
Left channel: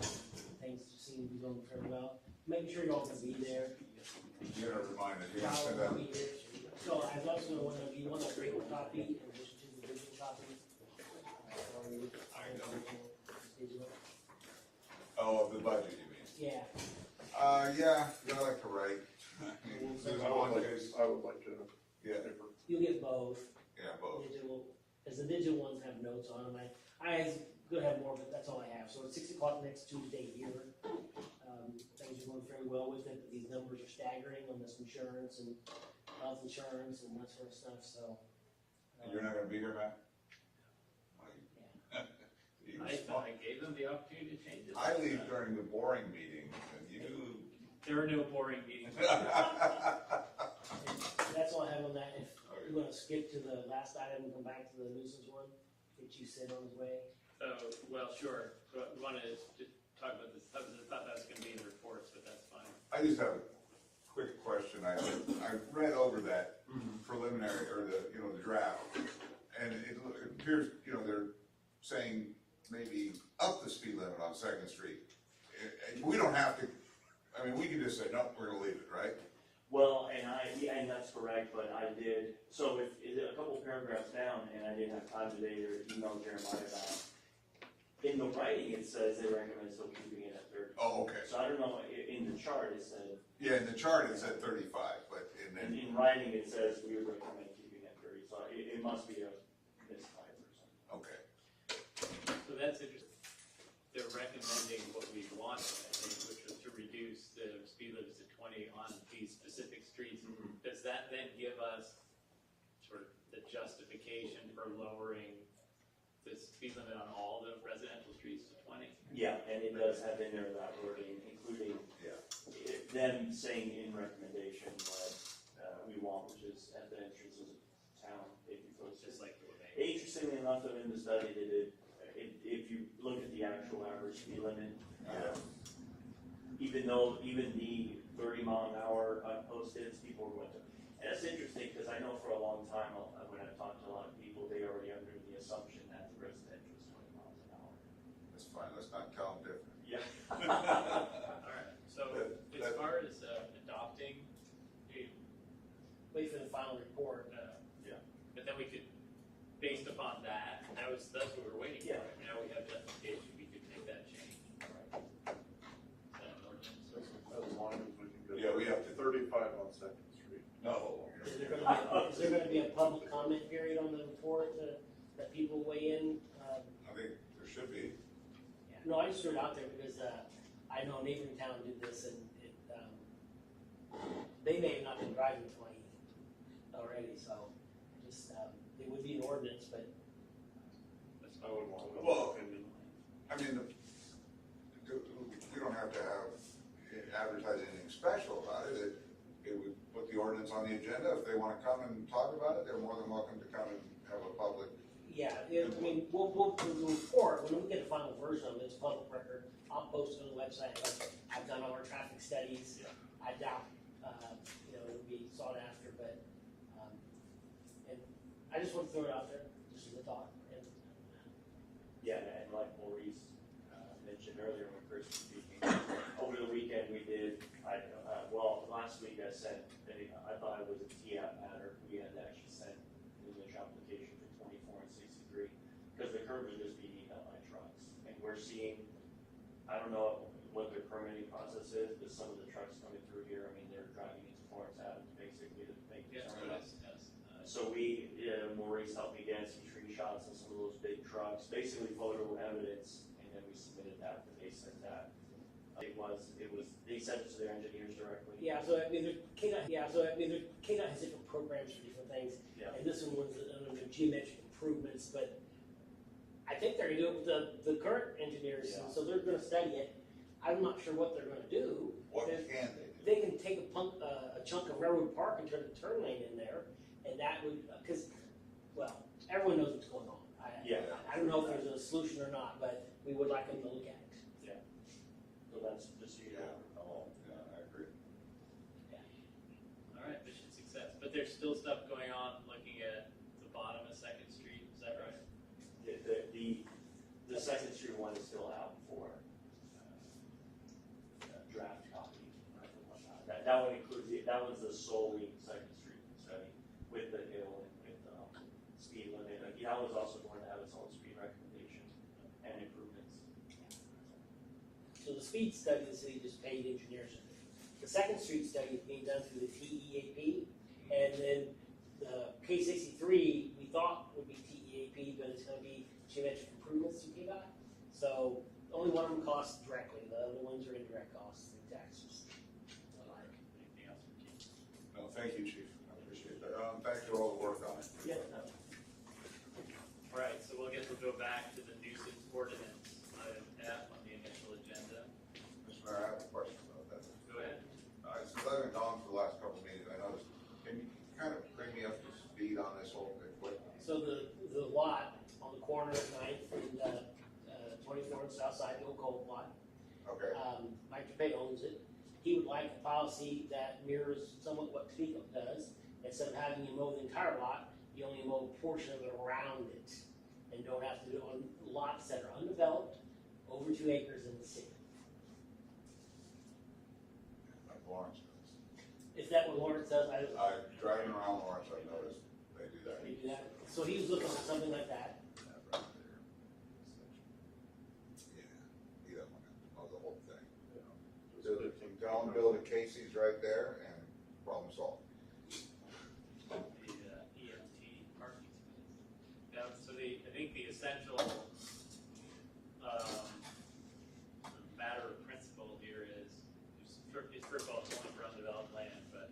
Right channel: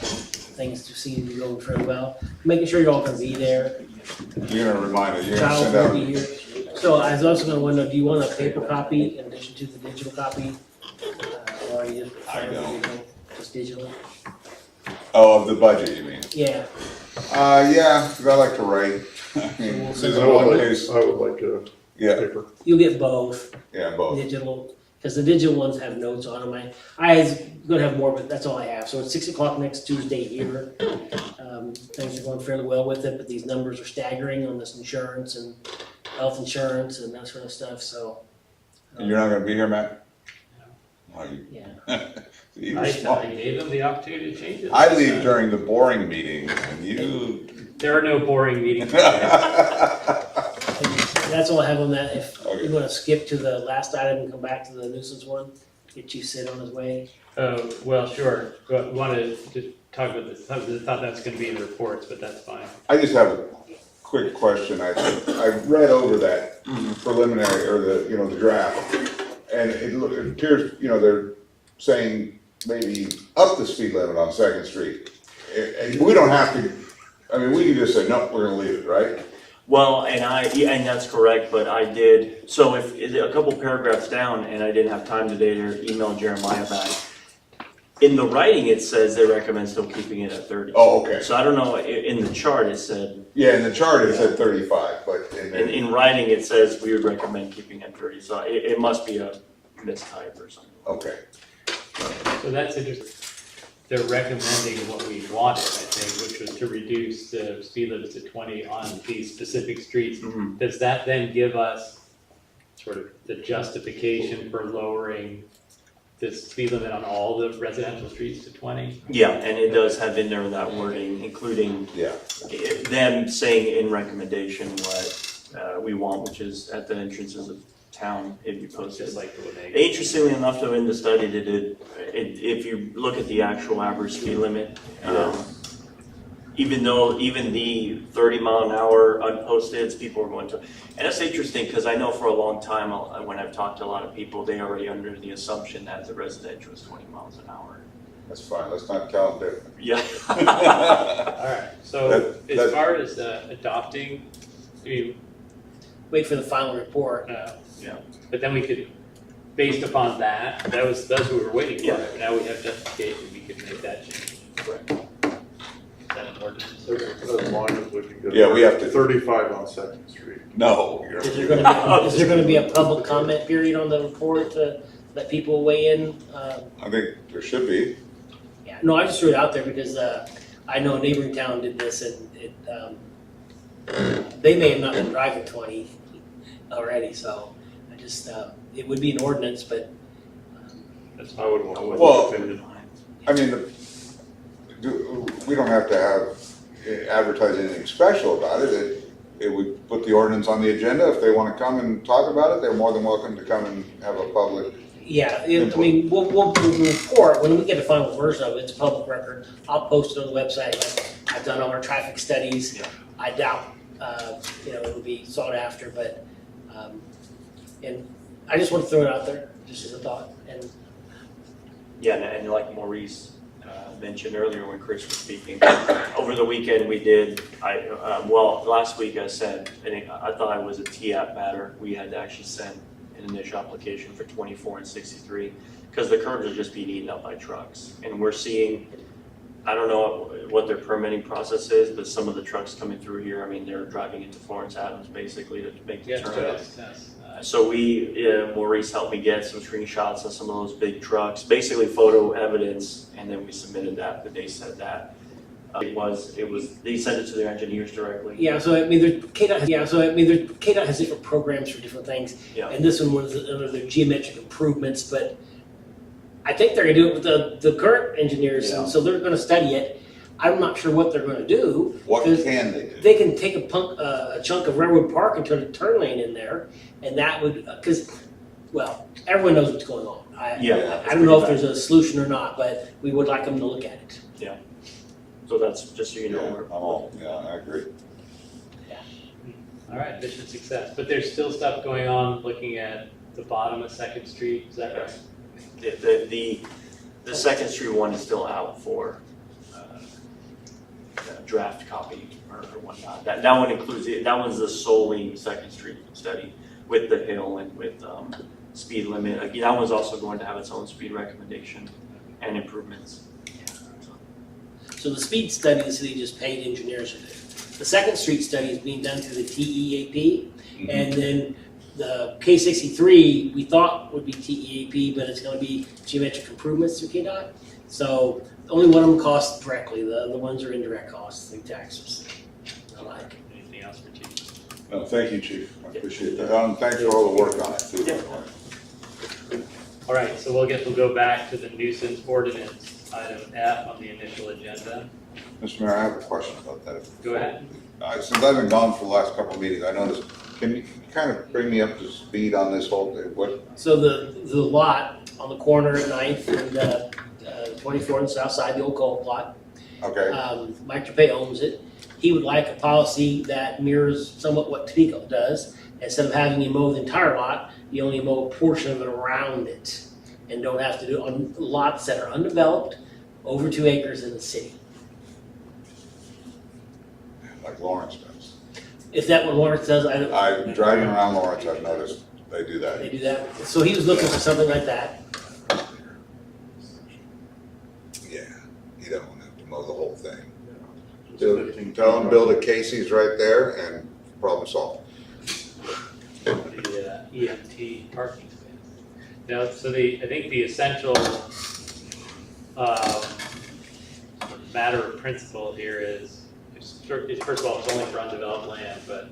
Things seem to be going very well, making sure you're all gonna be there. You're gonna remind us, you're gonna Charles send will out. be here. So I was also gonna wonder, do you want a paper copy in addition to the digital copy? Or are you just I don't. just digital? Oh, of the budget, you mean? Yeah, Yeah, cause I like to write. I mean, this is one case, I would like to. yeah, Paper. you'll get both. yeah, both. Digital, because the digital ones have notes on them. I was gonna have more, but that's all I have. So it's 6 o'clock next Tuesday here. Things are going fairly well with it, but these numbers are staggering on this insurance and health insurance and that sort of stuff, so. And you're not gonna be here, Matt? Why you- Yeah. You're I smart. gave them the opportunity to change it. I leave during the boring meetings and you. There are no boring meetings. That's all I have on that. If Okay. you wanna skip to the last item and come back to the nuisance one, get you Sid on his way. Oh, well, sure, but wanted to talk about this, I thought that was gonna be in the reports, but that's fine. I just have a quick question. I read over that preliminary, or the draft. And it appears, they're saying maybe up the speed limit on Second Street. And we don't have to, we can just say, no, we're gonna leave it, right? Well, and that's correct, but I did, so if, a couple paragraphs down, and I didn't have time today to email Jeremiah back. In the writing, it says they recommend still keeping it at 30. Oh, okay. So I don't know, in the chart, it said, Yeah, in the chart it said 35, but in writing, it says we would recommend keeping it 30, so it must be a mistype or something. okay. So that's interesting. They're recommending what we wanted, I think, which was to reduce the speed limits to 20 on these specific streets. Mhm. Does that then give us sort of the justification for lowering the speed limit on all the residential streets to 20? Yeah, and it does have in there that wording, including Yeah. them saying in recommendation what we want, which is at the entrances of town, it'd be posted. Just like the Winnebago. Interestingly enough, though, in the study they did, if you look at the actual average speed limit, even the 30-mile-an-hour unposted, people are going to, and that's interesting, because I know for a long time, when I've talked to a lot of people, they already under the assumption that the residential is 20 miles an hour. That's fine, let's not tell them different. Yeah. Alright, so That- as far as adopting, I mean, Wait for the final report. Yeah. but then we could, based upon that, that's what we were waiting for, Yeah. but now we have justification, we could make that change. Correct. Is that an ordinance? As long as we can get. Yeah, we have to- 35 on Second Street. No. Is there gonna be a public comment period on the report to let people weigh in? I think there should be. Yeah, no, I just threw it out there because, I know a neighboring town did this and it, they may have not been driving 20 already, so I just, it would be an ordinance, but, That's I would want. Well, I mean, we don't have to have advertise anything special about it. It would put the ordinance on the agenda. If they wanna come and talk about it, they're more than welcome to come and have a public. yeah, I mean, we'll report, when we get a final version of it, it's a public record. I'll post it on the website, I've done all our traffic studies. Yeah. I doubt, it'll be sought after, but, and I just want to throw it out there, just as a thought, and Yeah, and like Maurice mentioned earlier when Chris was speaking, over the weekend we did, last week I sent, I thought it was a TAP matter, we had to actually send an initial application for 24 and 63, because the curbs are just being eaten up by trucks, and we're seeing, I don't know what their permitting process is, but some of the trucks coming through here, I mean, they're driving into Florence Adams basically to make the Yeah, turn. that's, So Maurice helped me get some screenshots of some of those big trucks, basically photo evidence, and then we submitted that, but they said that. They sent it to their engineers directly. yeah, so I mean, KDOT has different programs for different things. Yeah. And this one was under their geometric improvements, but I think they're gonna do it with the current engineers, and so they're gonna study it. I'm not sure what they're gonna do. What Because can they do? They can take a chunk of Railroad Park and turn a turn lane in there, and that would, because, well, everyone knows what's going on. Yeah. I don't know if there's a solution or not, but we would like them to look at it. So that's just so you know. I agree. alright, mission success, but there's still stuff going on, looking at the bottom of Second Street, is that right? The Second Street one is still out for draft copy or whatnot. That one includes, that one's the solely Second Street study with the hill and with speed limit. Again, that one's also going to have its own speed recommendation and improvements. So the speed study, the city just paid engineers to do. The Second Street study is being done through the TEAP, and then the K63, we thought would be TEAP, but it's gonna be geometric improvements through KDOT. So only one of them costs directly, the other ones are indirect costs through taxes. Anything else for Chief? No, thank you, Chief. I appreciate that. Thanks for all the work on it too. Alright, so we'll go back to the nuisance ordinance, item F on the initial agenda. Mr. Mayor, I have a question about that. Go ahead. Since I've been gone for the last couple of meetings, I noticed, can you kind of bring me up to speed on this whole thing? What, So the lot on the corner at 9th and 24 on the south side, the old coal plot, okay, Mike Trepay owns it. He would like a policy that mirrors somewhat what Topeka does. Instead of having you mow the entire lot, you only mow a portion of it around it and don't have to do it on lots that are undeveloped, over 2 acres in the city. like Lawrence does. If that what Lawrence does, I don't, I'm driving around Lawrence, I've noticed they do that. they do that. So he was looking for something like that. Yeah, you don't want to have to mow the whole thing. Tell them build a Casey's right there and problem solved. The EMT parking space. Now, so I think the essential matter of principle here is, first of all, it's only for undeveloped land, but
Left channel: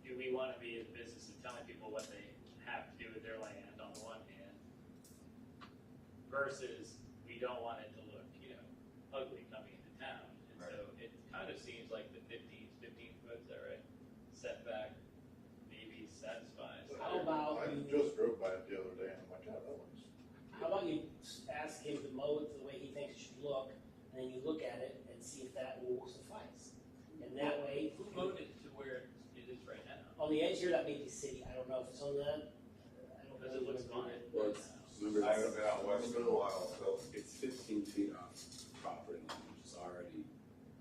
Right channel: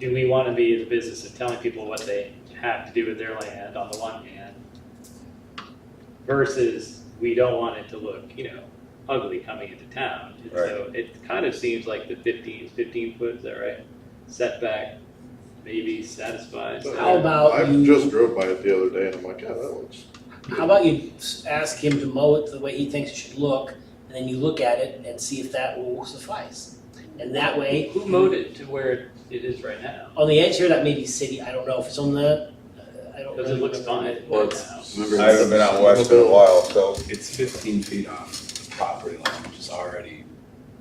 do we want to be in the business of telling people what they have to do with their land on the one hand? versus we don't want it to look, ugly coming into town. And so it kind of seems like the 15 foot, is that right? Setback maybe satisfies. How about I you- just drove by it the other day and I'm like, yeah, that looks. How about you ask him to mow it the way he thinks it should look, and then you look at it and see if that will suffice. And that way, Who mowed it to where it is right now? on the edge here, that may be city, I don't know if it's on the, I don't. Because it looks fine Well, right it's, now. remember, I haven't been out west in a while, so. it's 15 feet off the property line, which is already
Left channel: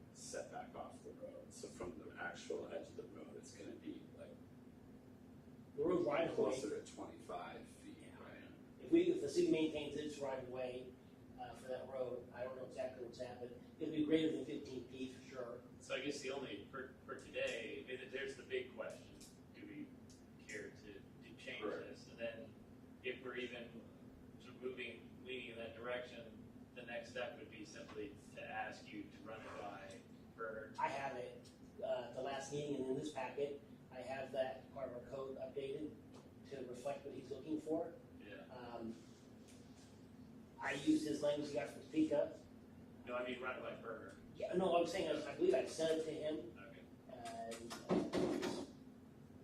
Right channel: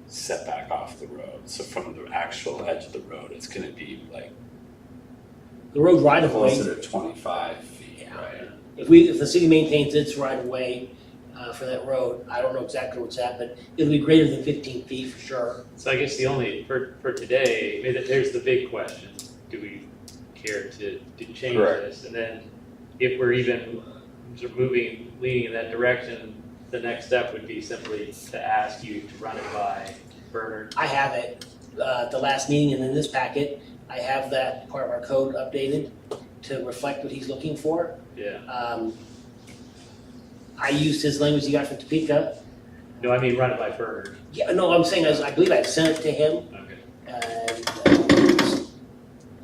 set back off the road. So from the actual edge of the road, it's gonna be like The road right of way, closer to 25 feet, Yeah. right? if the city maintains its right of way, for that road, I don't know exactly what's at, but it'll be greater than 15 feet for sure. So I guess the only, for today, maybe there's the big question, do we care to change Correct. this? And then if we're even sort of leaning in that direction, the next step would be simply to ask you to run it by Bernard. I have it, at the last meeting and in this packet, I have that part of our code updated to reflect what he's looking for. Yeah, I used his language he got from Topeka. no, I mean run it by Bernard. Yeah, no, I'm saying, I believe I sent it to him, Okay. and,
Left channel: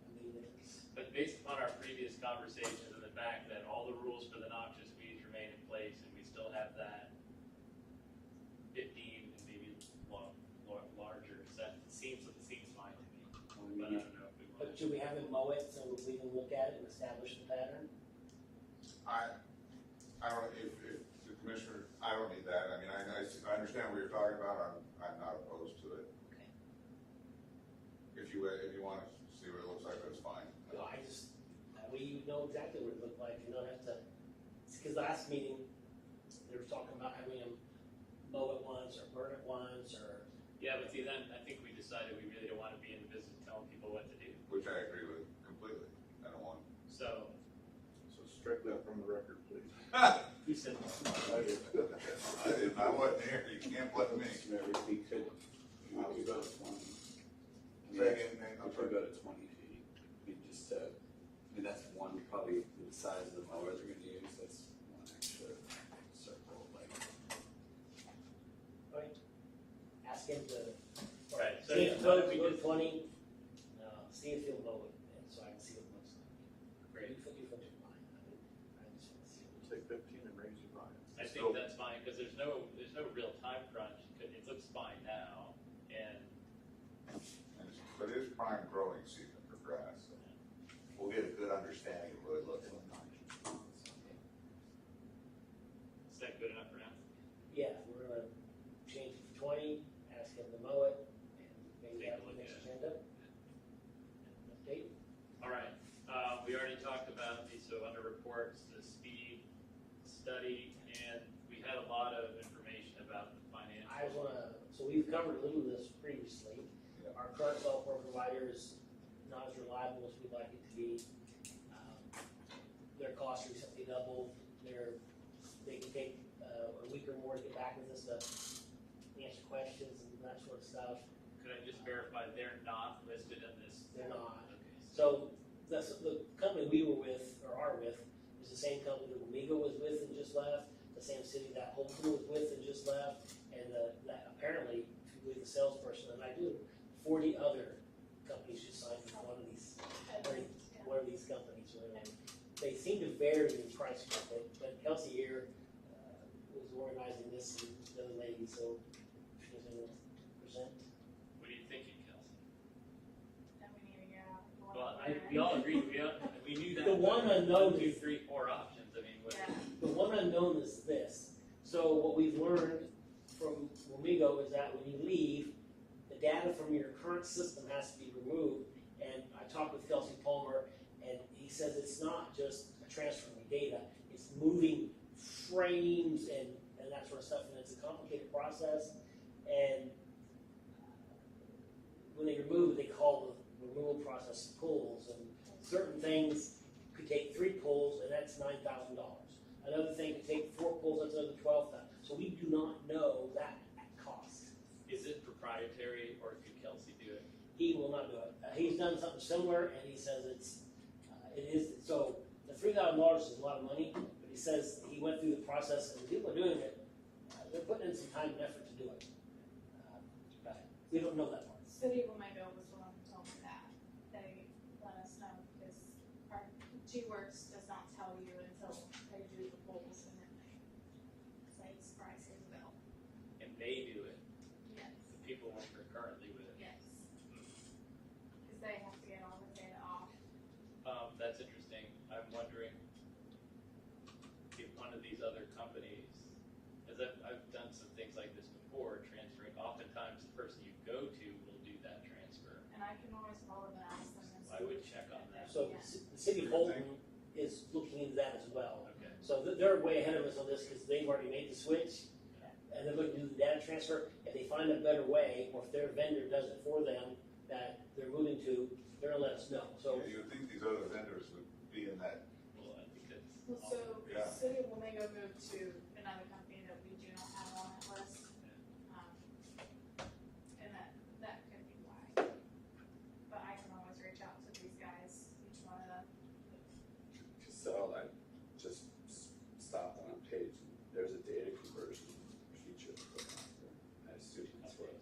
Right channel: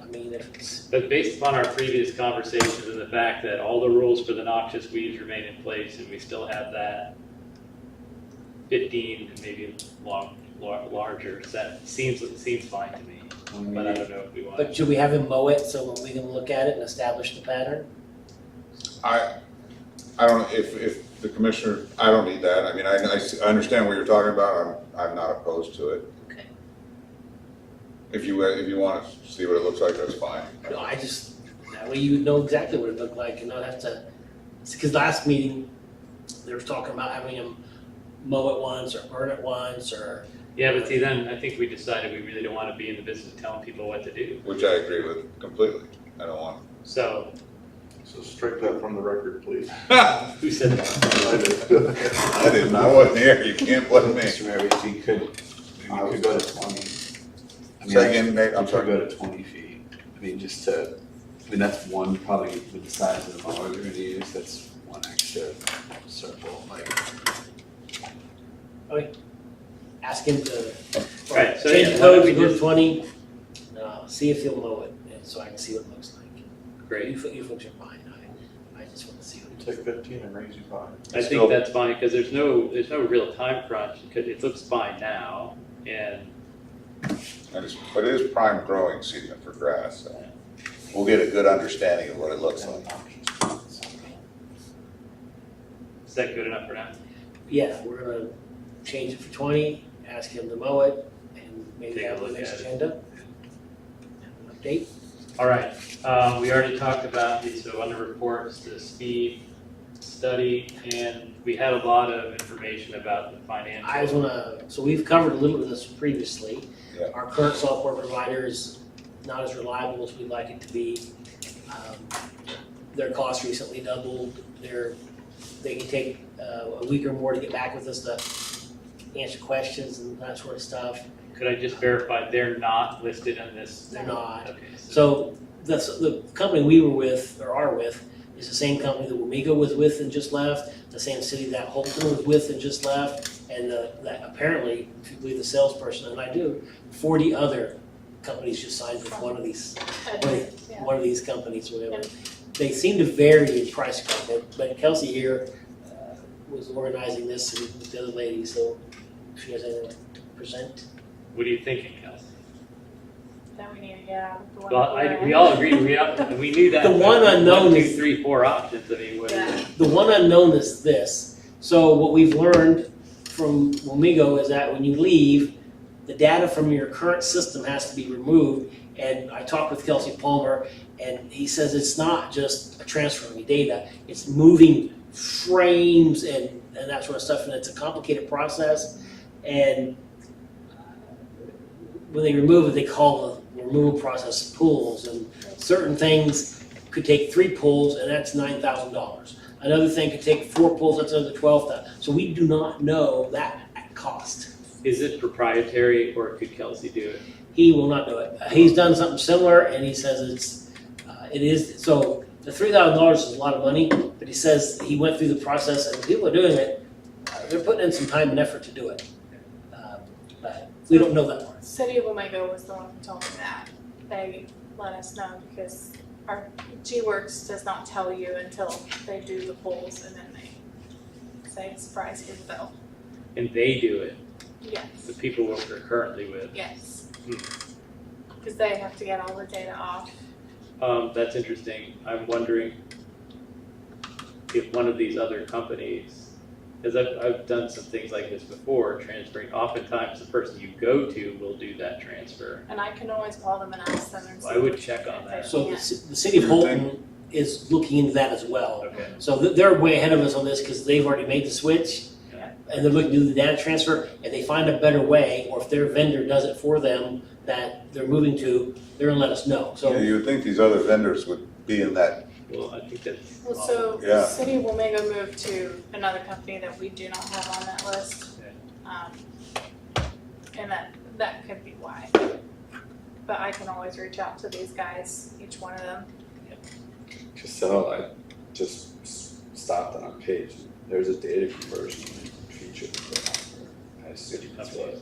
I mean, if it's, But based upon our previous conversations and the fact that all the rules for the noxious weeds remain in place and we still have that 15 and maybe larger, that seems fine to me. But I don't know if we want. but should we have him mow it so we can look at it and establish the pattern? I don't, if the commissioner, I don't need that, I mean, I understand what you're talking about, I'm not opposed to it. Okay. If you wanna see what it looks like, that's fine. No, that way you would know exactly what it looked like and not have to, because last meeting, they were talking about having him mow it once or burn it once or. Yeah, but see, then I think we decided we really don't want to be in the business of telling people what to do. Which I agree with completely, I don't want. So, So strike that from the record, please. who said that? I didn't, I wasn't here, you can't blame me. Mr. Mayor, if you could, maybe we could go to 20. I mean, Say again, Nate, I'm we sorry. could go to 20 feet. I mean, that's one, probably with the size of the mower they're gonna use, that's one extra circle, like. Ask him to Right, so change yeah, the why don't code we to go to just- 20, see if he'll mow it, and so I can see what it looks like. Great. You folks are fine, I just want to see what it Take 15 and raise you 5. I think that's fine, because there's no real time crunch, because it looks fine now, and But it is prime growing season for grass, so we'll get a good understanding of what it looks like. is that good enough for now? Yeah, we're gonna change it for 20, ask him to mow it, and maybe Take a have the look next at it. agenda. Update. All right, we already talked about these, so under reports, the speed study, and we had a lot of information about the financial. I just wanna, so we've covered a little bit of this previously. Yeah. Our current software provider is not as reliable as we'd like it to be. Their cost recently doubled, they can take a week or more to get back with us to answer questions and that sort of stuff. Could I just verify they're not listed on this? They're not. Okay, So the company we were with, or are with, is the same company that Wamigo was with and just left, the same city that Holton was with and just left, and that apparently, if you believe the salesperson, and I do, 40 other companies just signed with one of these companies, whatever. They seem to vary in price, but Kelsey here was organizing this with the other lady, so if she has anything to present. What are you thinking, Kelsey? Then we need to get out of the one. Well, we all agreed, we knew that. The one but unknown 1, 2, is- 3, 4 options, I mean, what is it? The one unknown is this. So what we've learned from Wamigo is that when you leave, the data from your current system has to be removed. And I talked with Kelsey Palmer, and he says it's not just a transfer of data, it's moving frames and that sort of stuff, and it's a complicated process. And when they remove it, they call the removal process pulls, and certain things could take 3 pulls, and that's $9,000. Another thing could take 4 pulls, that's another $12,000. So we do not know that at cost. Is it proprietary, or could Kelsey do it? He will not do it. He's done something similar, and he says it is, so the $3,000 is a lot of money, but he says he went through the process and people are doing it, they're putting in some time and effort to do it. But we don't know that part. City of Wamego was the one who told me that. They let us know because our G-Works does not tell you until they do the polls and then they say, surprise, here's the bill. And they do it, Yes, the people we're currently with. yes. Hmm. Because they have to get all the data off. That's interesting. I'm wondering if one of these other companies, because I've done some things like this before, transferring, oftentimes the person you go to will do that transfer. And I can always call them and ask them and see. I would check on if that. they So can. the city of Holton is looking into that as well. Okay. So they're way ahead of us on this because they've already made the switch. Yeah. And they're looking to do the data transfer, and they find a better way, or if their vendor does it for them that they're moving to, they're gonna let us know. Yeah, So you would think these other vendors would be in that. Well, I think that's. Well, so Yeah. the City of Wamego moved to another company that we do not have on that list. And that could be why. But I can always reach out to these guys, each one of them. Casella, I just stopped on our page, there's a data conversion feature that they offer. I assume that's what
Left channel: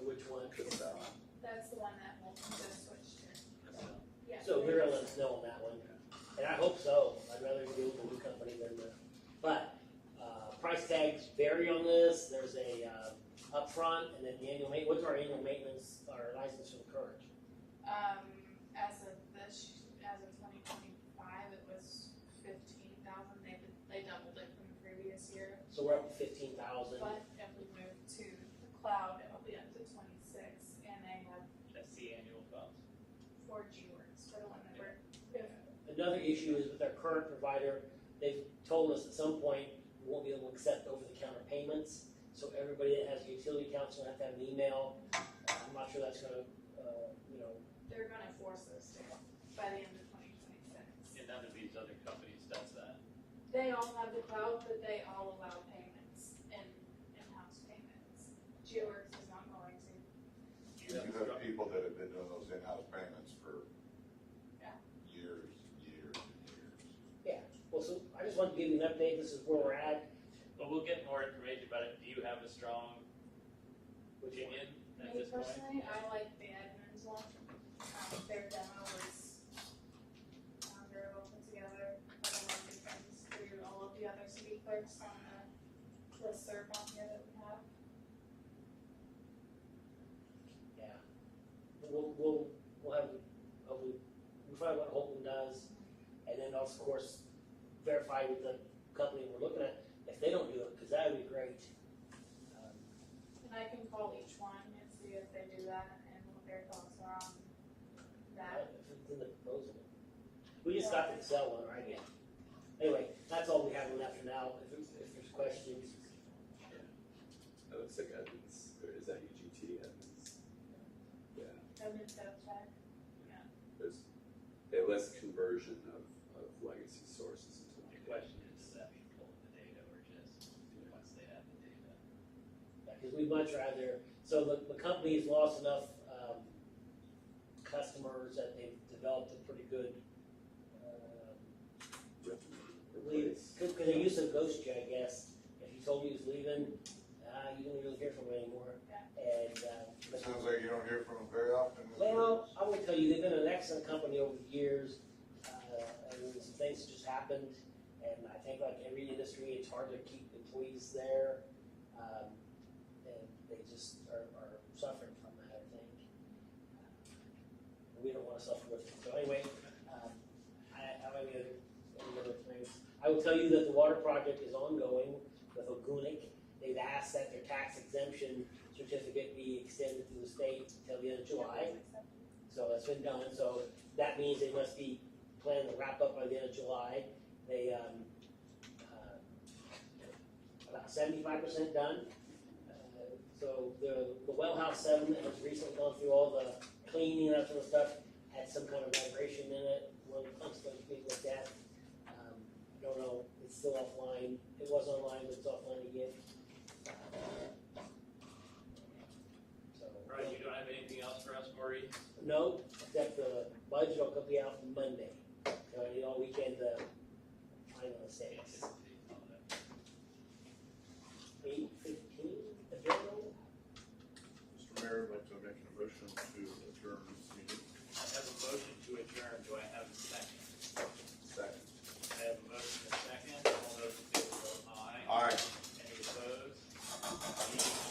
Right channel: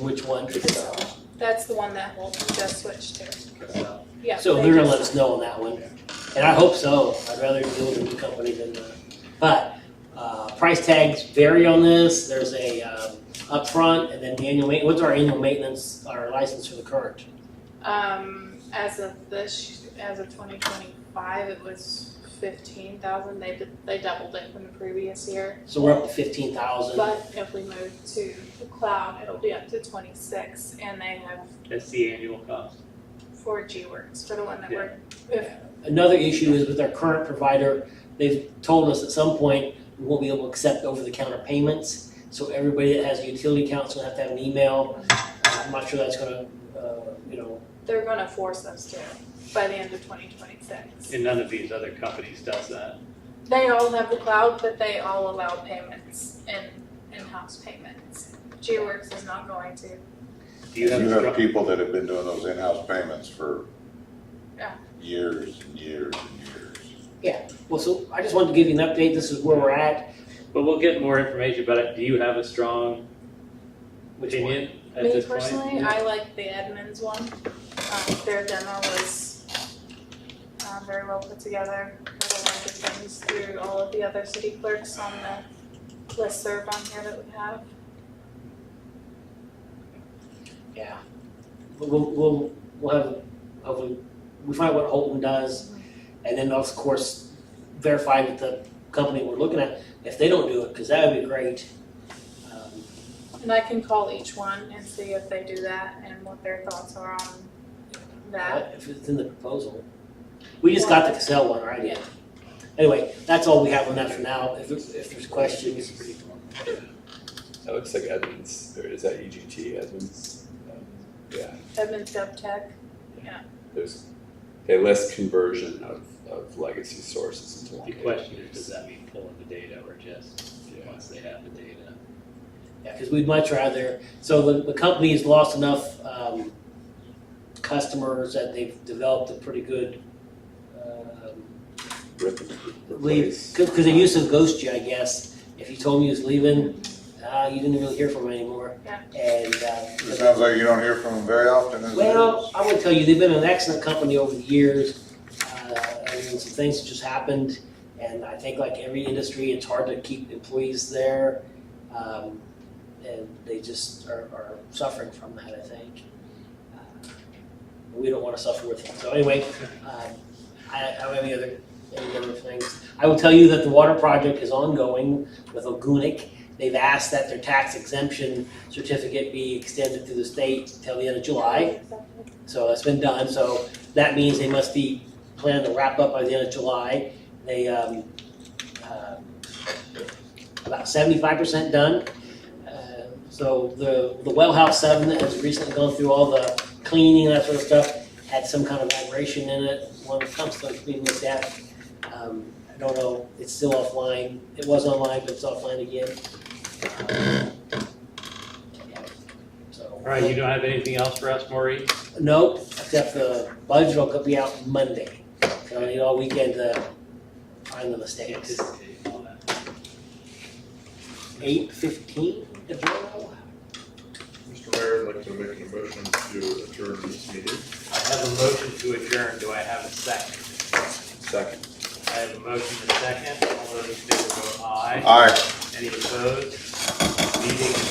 which one? Casella. That's the one that Holton just switched to. Yeah. So they they're gonna just- let us know on that one. And I hope so. I'd rather deal with a new company than, but, price tags vary on this. There's a, upfront and then the annual what's our annual maintenance, our license for the current? As of 2025, it was 15,000. They doubled it from the previous year. So we're up to 15,000. But if we move to the cloud, it'll be up to 26, and they have That's the annual cost. 4G Works for the one that Yeah. we're. Another issue is with our current provider, they've told us at some point we won't be able to accept over-the-counter payments. So everybody that has a utility account is gonna have to have an email. I'm not sure that's gonna, They're going to force us to by the end of 2026. And none of these other companies does that. They all have the cloud, but they all allow payments in-house payments. G-Works is not going to. Do you have, strong- people that have been doing those in-house payments for Yeah. years and years and years. well, so I just wanted to give you an update. This is where we're at. but we'll get more information about it. Do you have a strong Which one? opinion at Me this point? personally, I like the Edmunds one. Their demo was very well put together. There were a lot of good things through all of the other city clerks on the listserv on here that we have. Yeah. We'll have, hopefully, we find out what Holton does, and then of course, verify with the company we're looking at, if they don't do it, because that would be great. And I can call each one and see if they do that and what their thoughts are on that. If it's in the proposal. We just got the Cassell one, right? Yeah. Anyway, that's all we have on that for now. If there's questions. That looks like Edmunds, or is that EGT, Edmunds? Yeah, Edmunds GovTech. there's, they list conversion of legacy sources into one. The question is, does that mean pulling the data or just once they have the data? Yeah, because we'd much rather, so the company's lost enough, customers that they've developed a pretty good, Rip and leave, replace. because they used to ghost you, I guess. If you told me he was leaving, you didn't really hear from him anymore. Yeah. And, It sounds like you don't hear from them very often, as it well, is. I would tell you, they've been an excellent company over the years. I mean, some things just happened, and I think like every industry, it's hard to keep employees there. And they just are suffering from that, I think. We don't wanna suffer with it. So anyway, I don't have any other things. I will tell you that the water project is ongoing with Ogunic. They've asked that their tax exemption certificate be extended through the state till the end of July. So that's been done, so that means they must be planning to wrap up by the end of July. They, about 75% done. So the well house 7 that has recently gone through all the cleaning and that sort of stuff had some kind of vibration in it. One of the pumps that's being looked at. I don't know, it's still offline. It was online, but it's offline again. So. All right, you don't have anything else for us, Maureen? Nope, except the budget will be out Monday. So I need all weekend to find the mistakes. Anticipate all that. 8:15 adjournal? Mr. Mayor, I'd like to make a motion to adjourn this meeting. I have a motion to adjourn, do I have a second? Second. I have a motion and a second, all those in favor vote aye. Aye. Any opposed? Meeting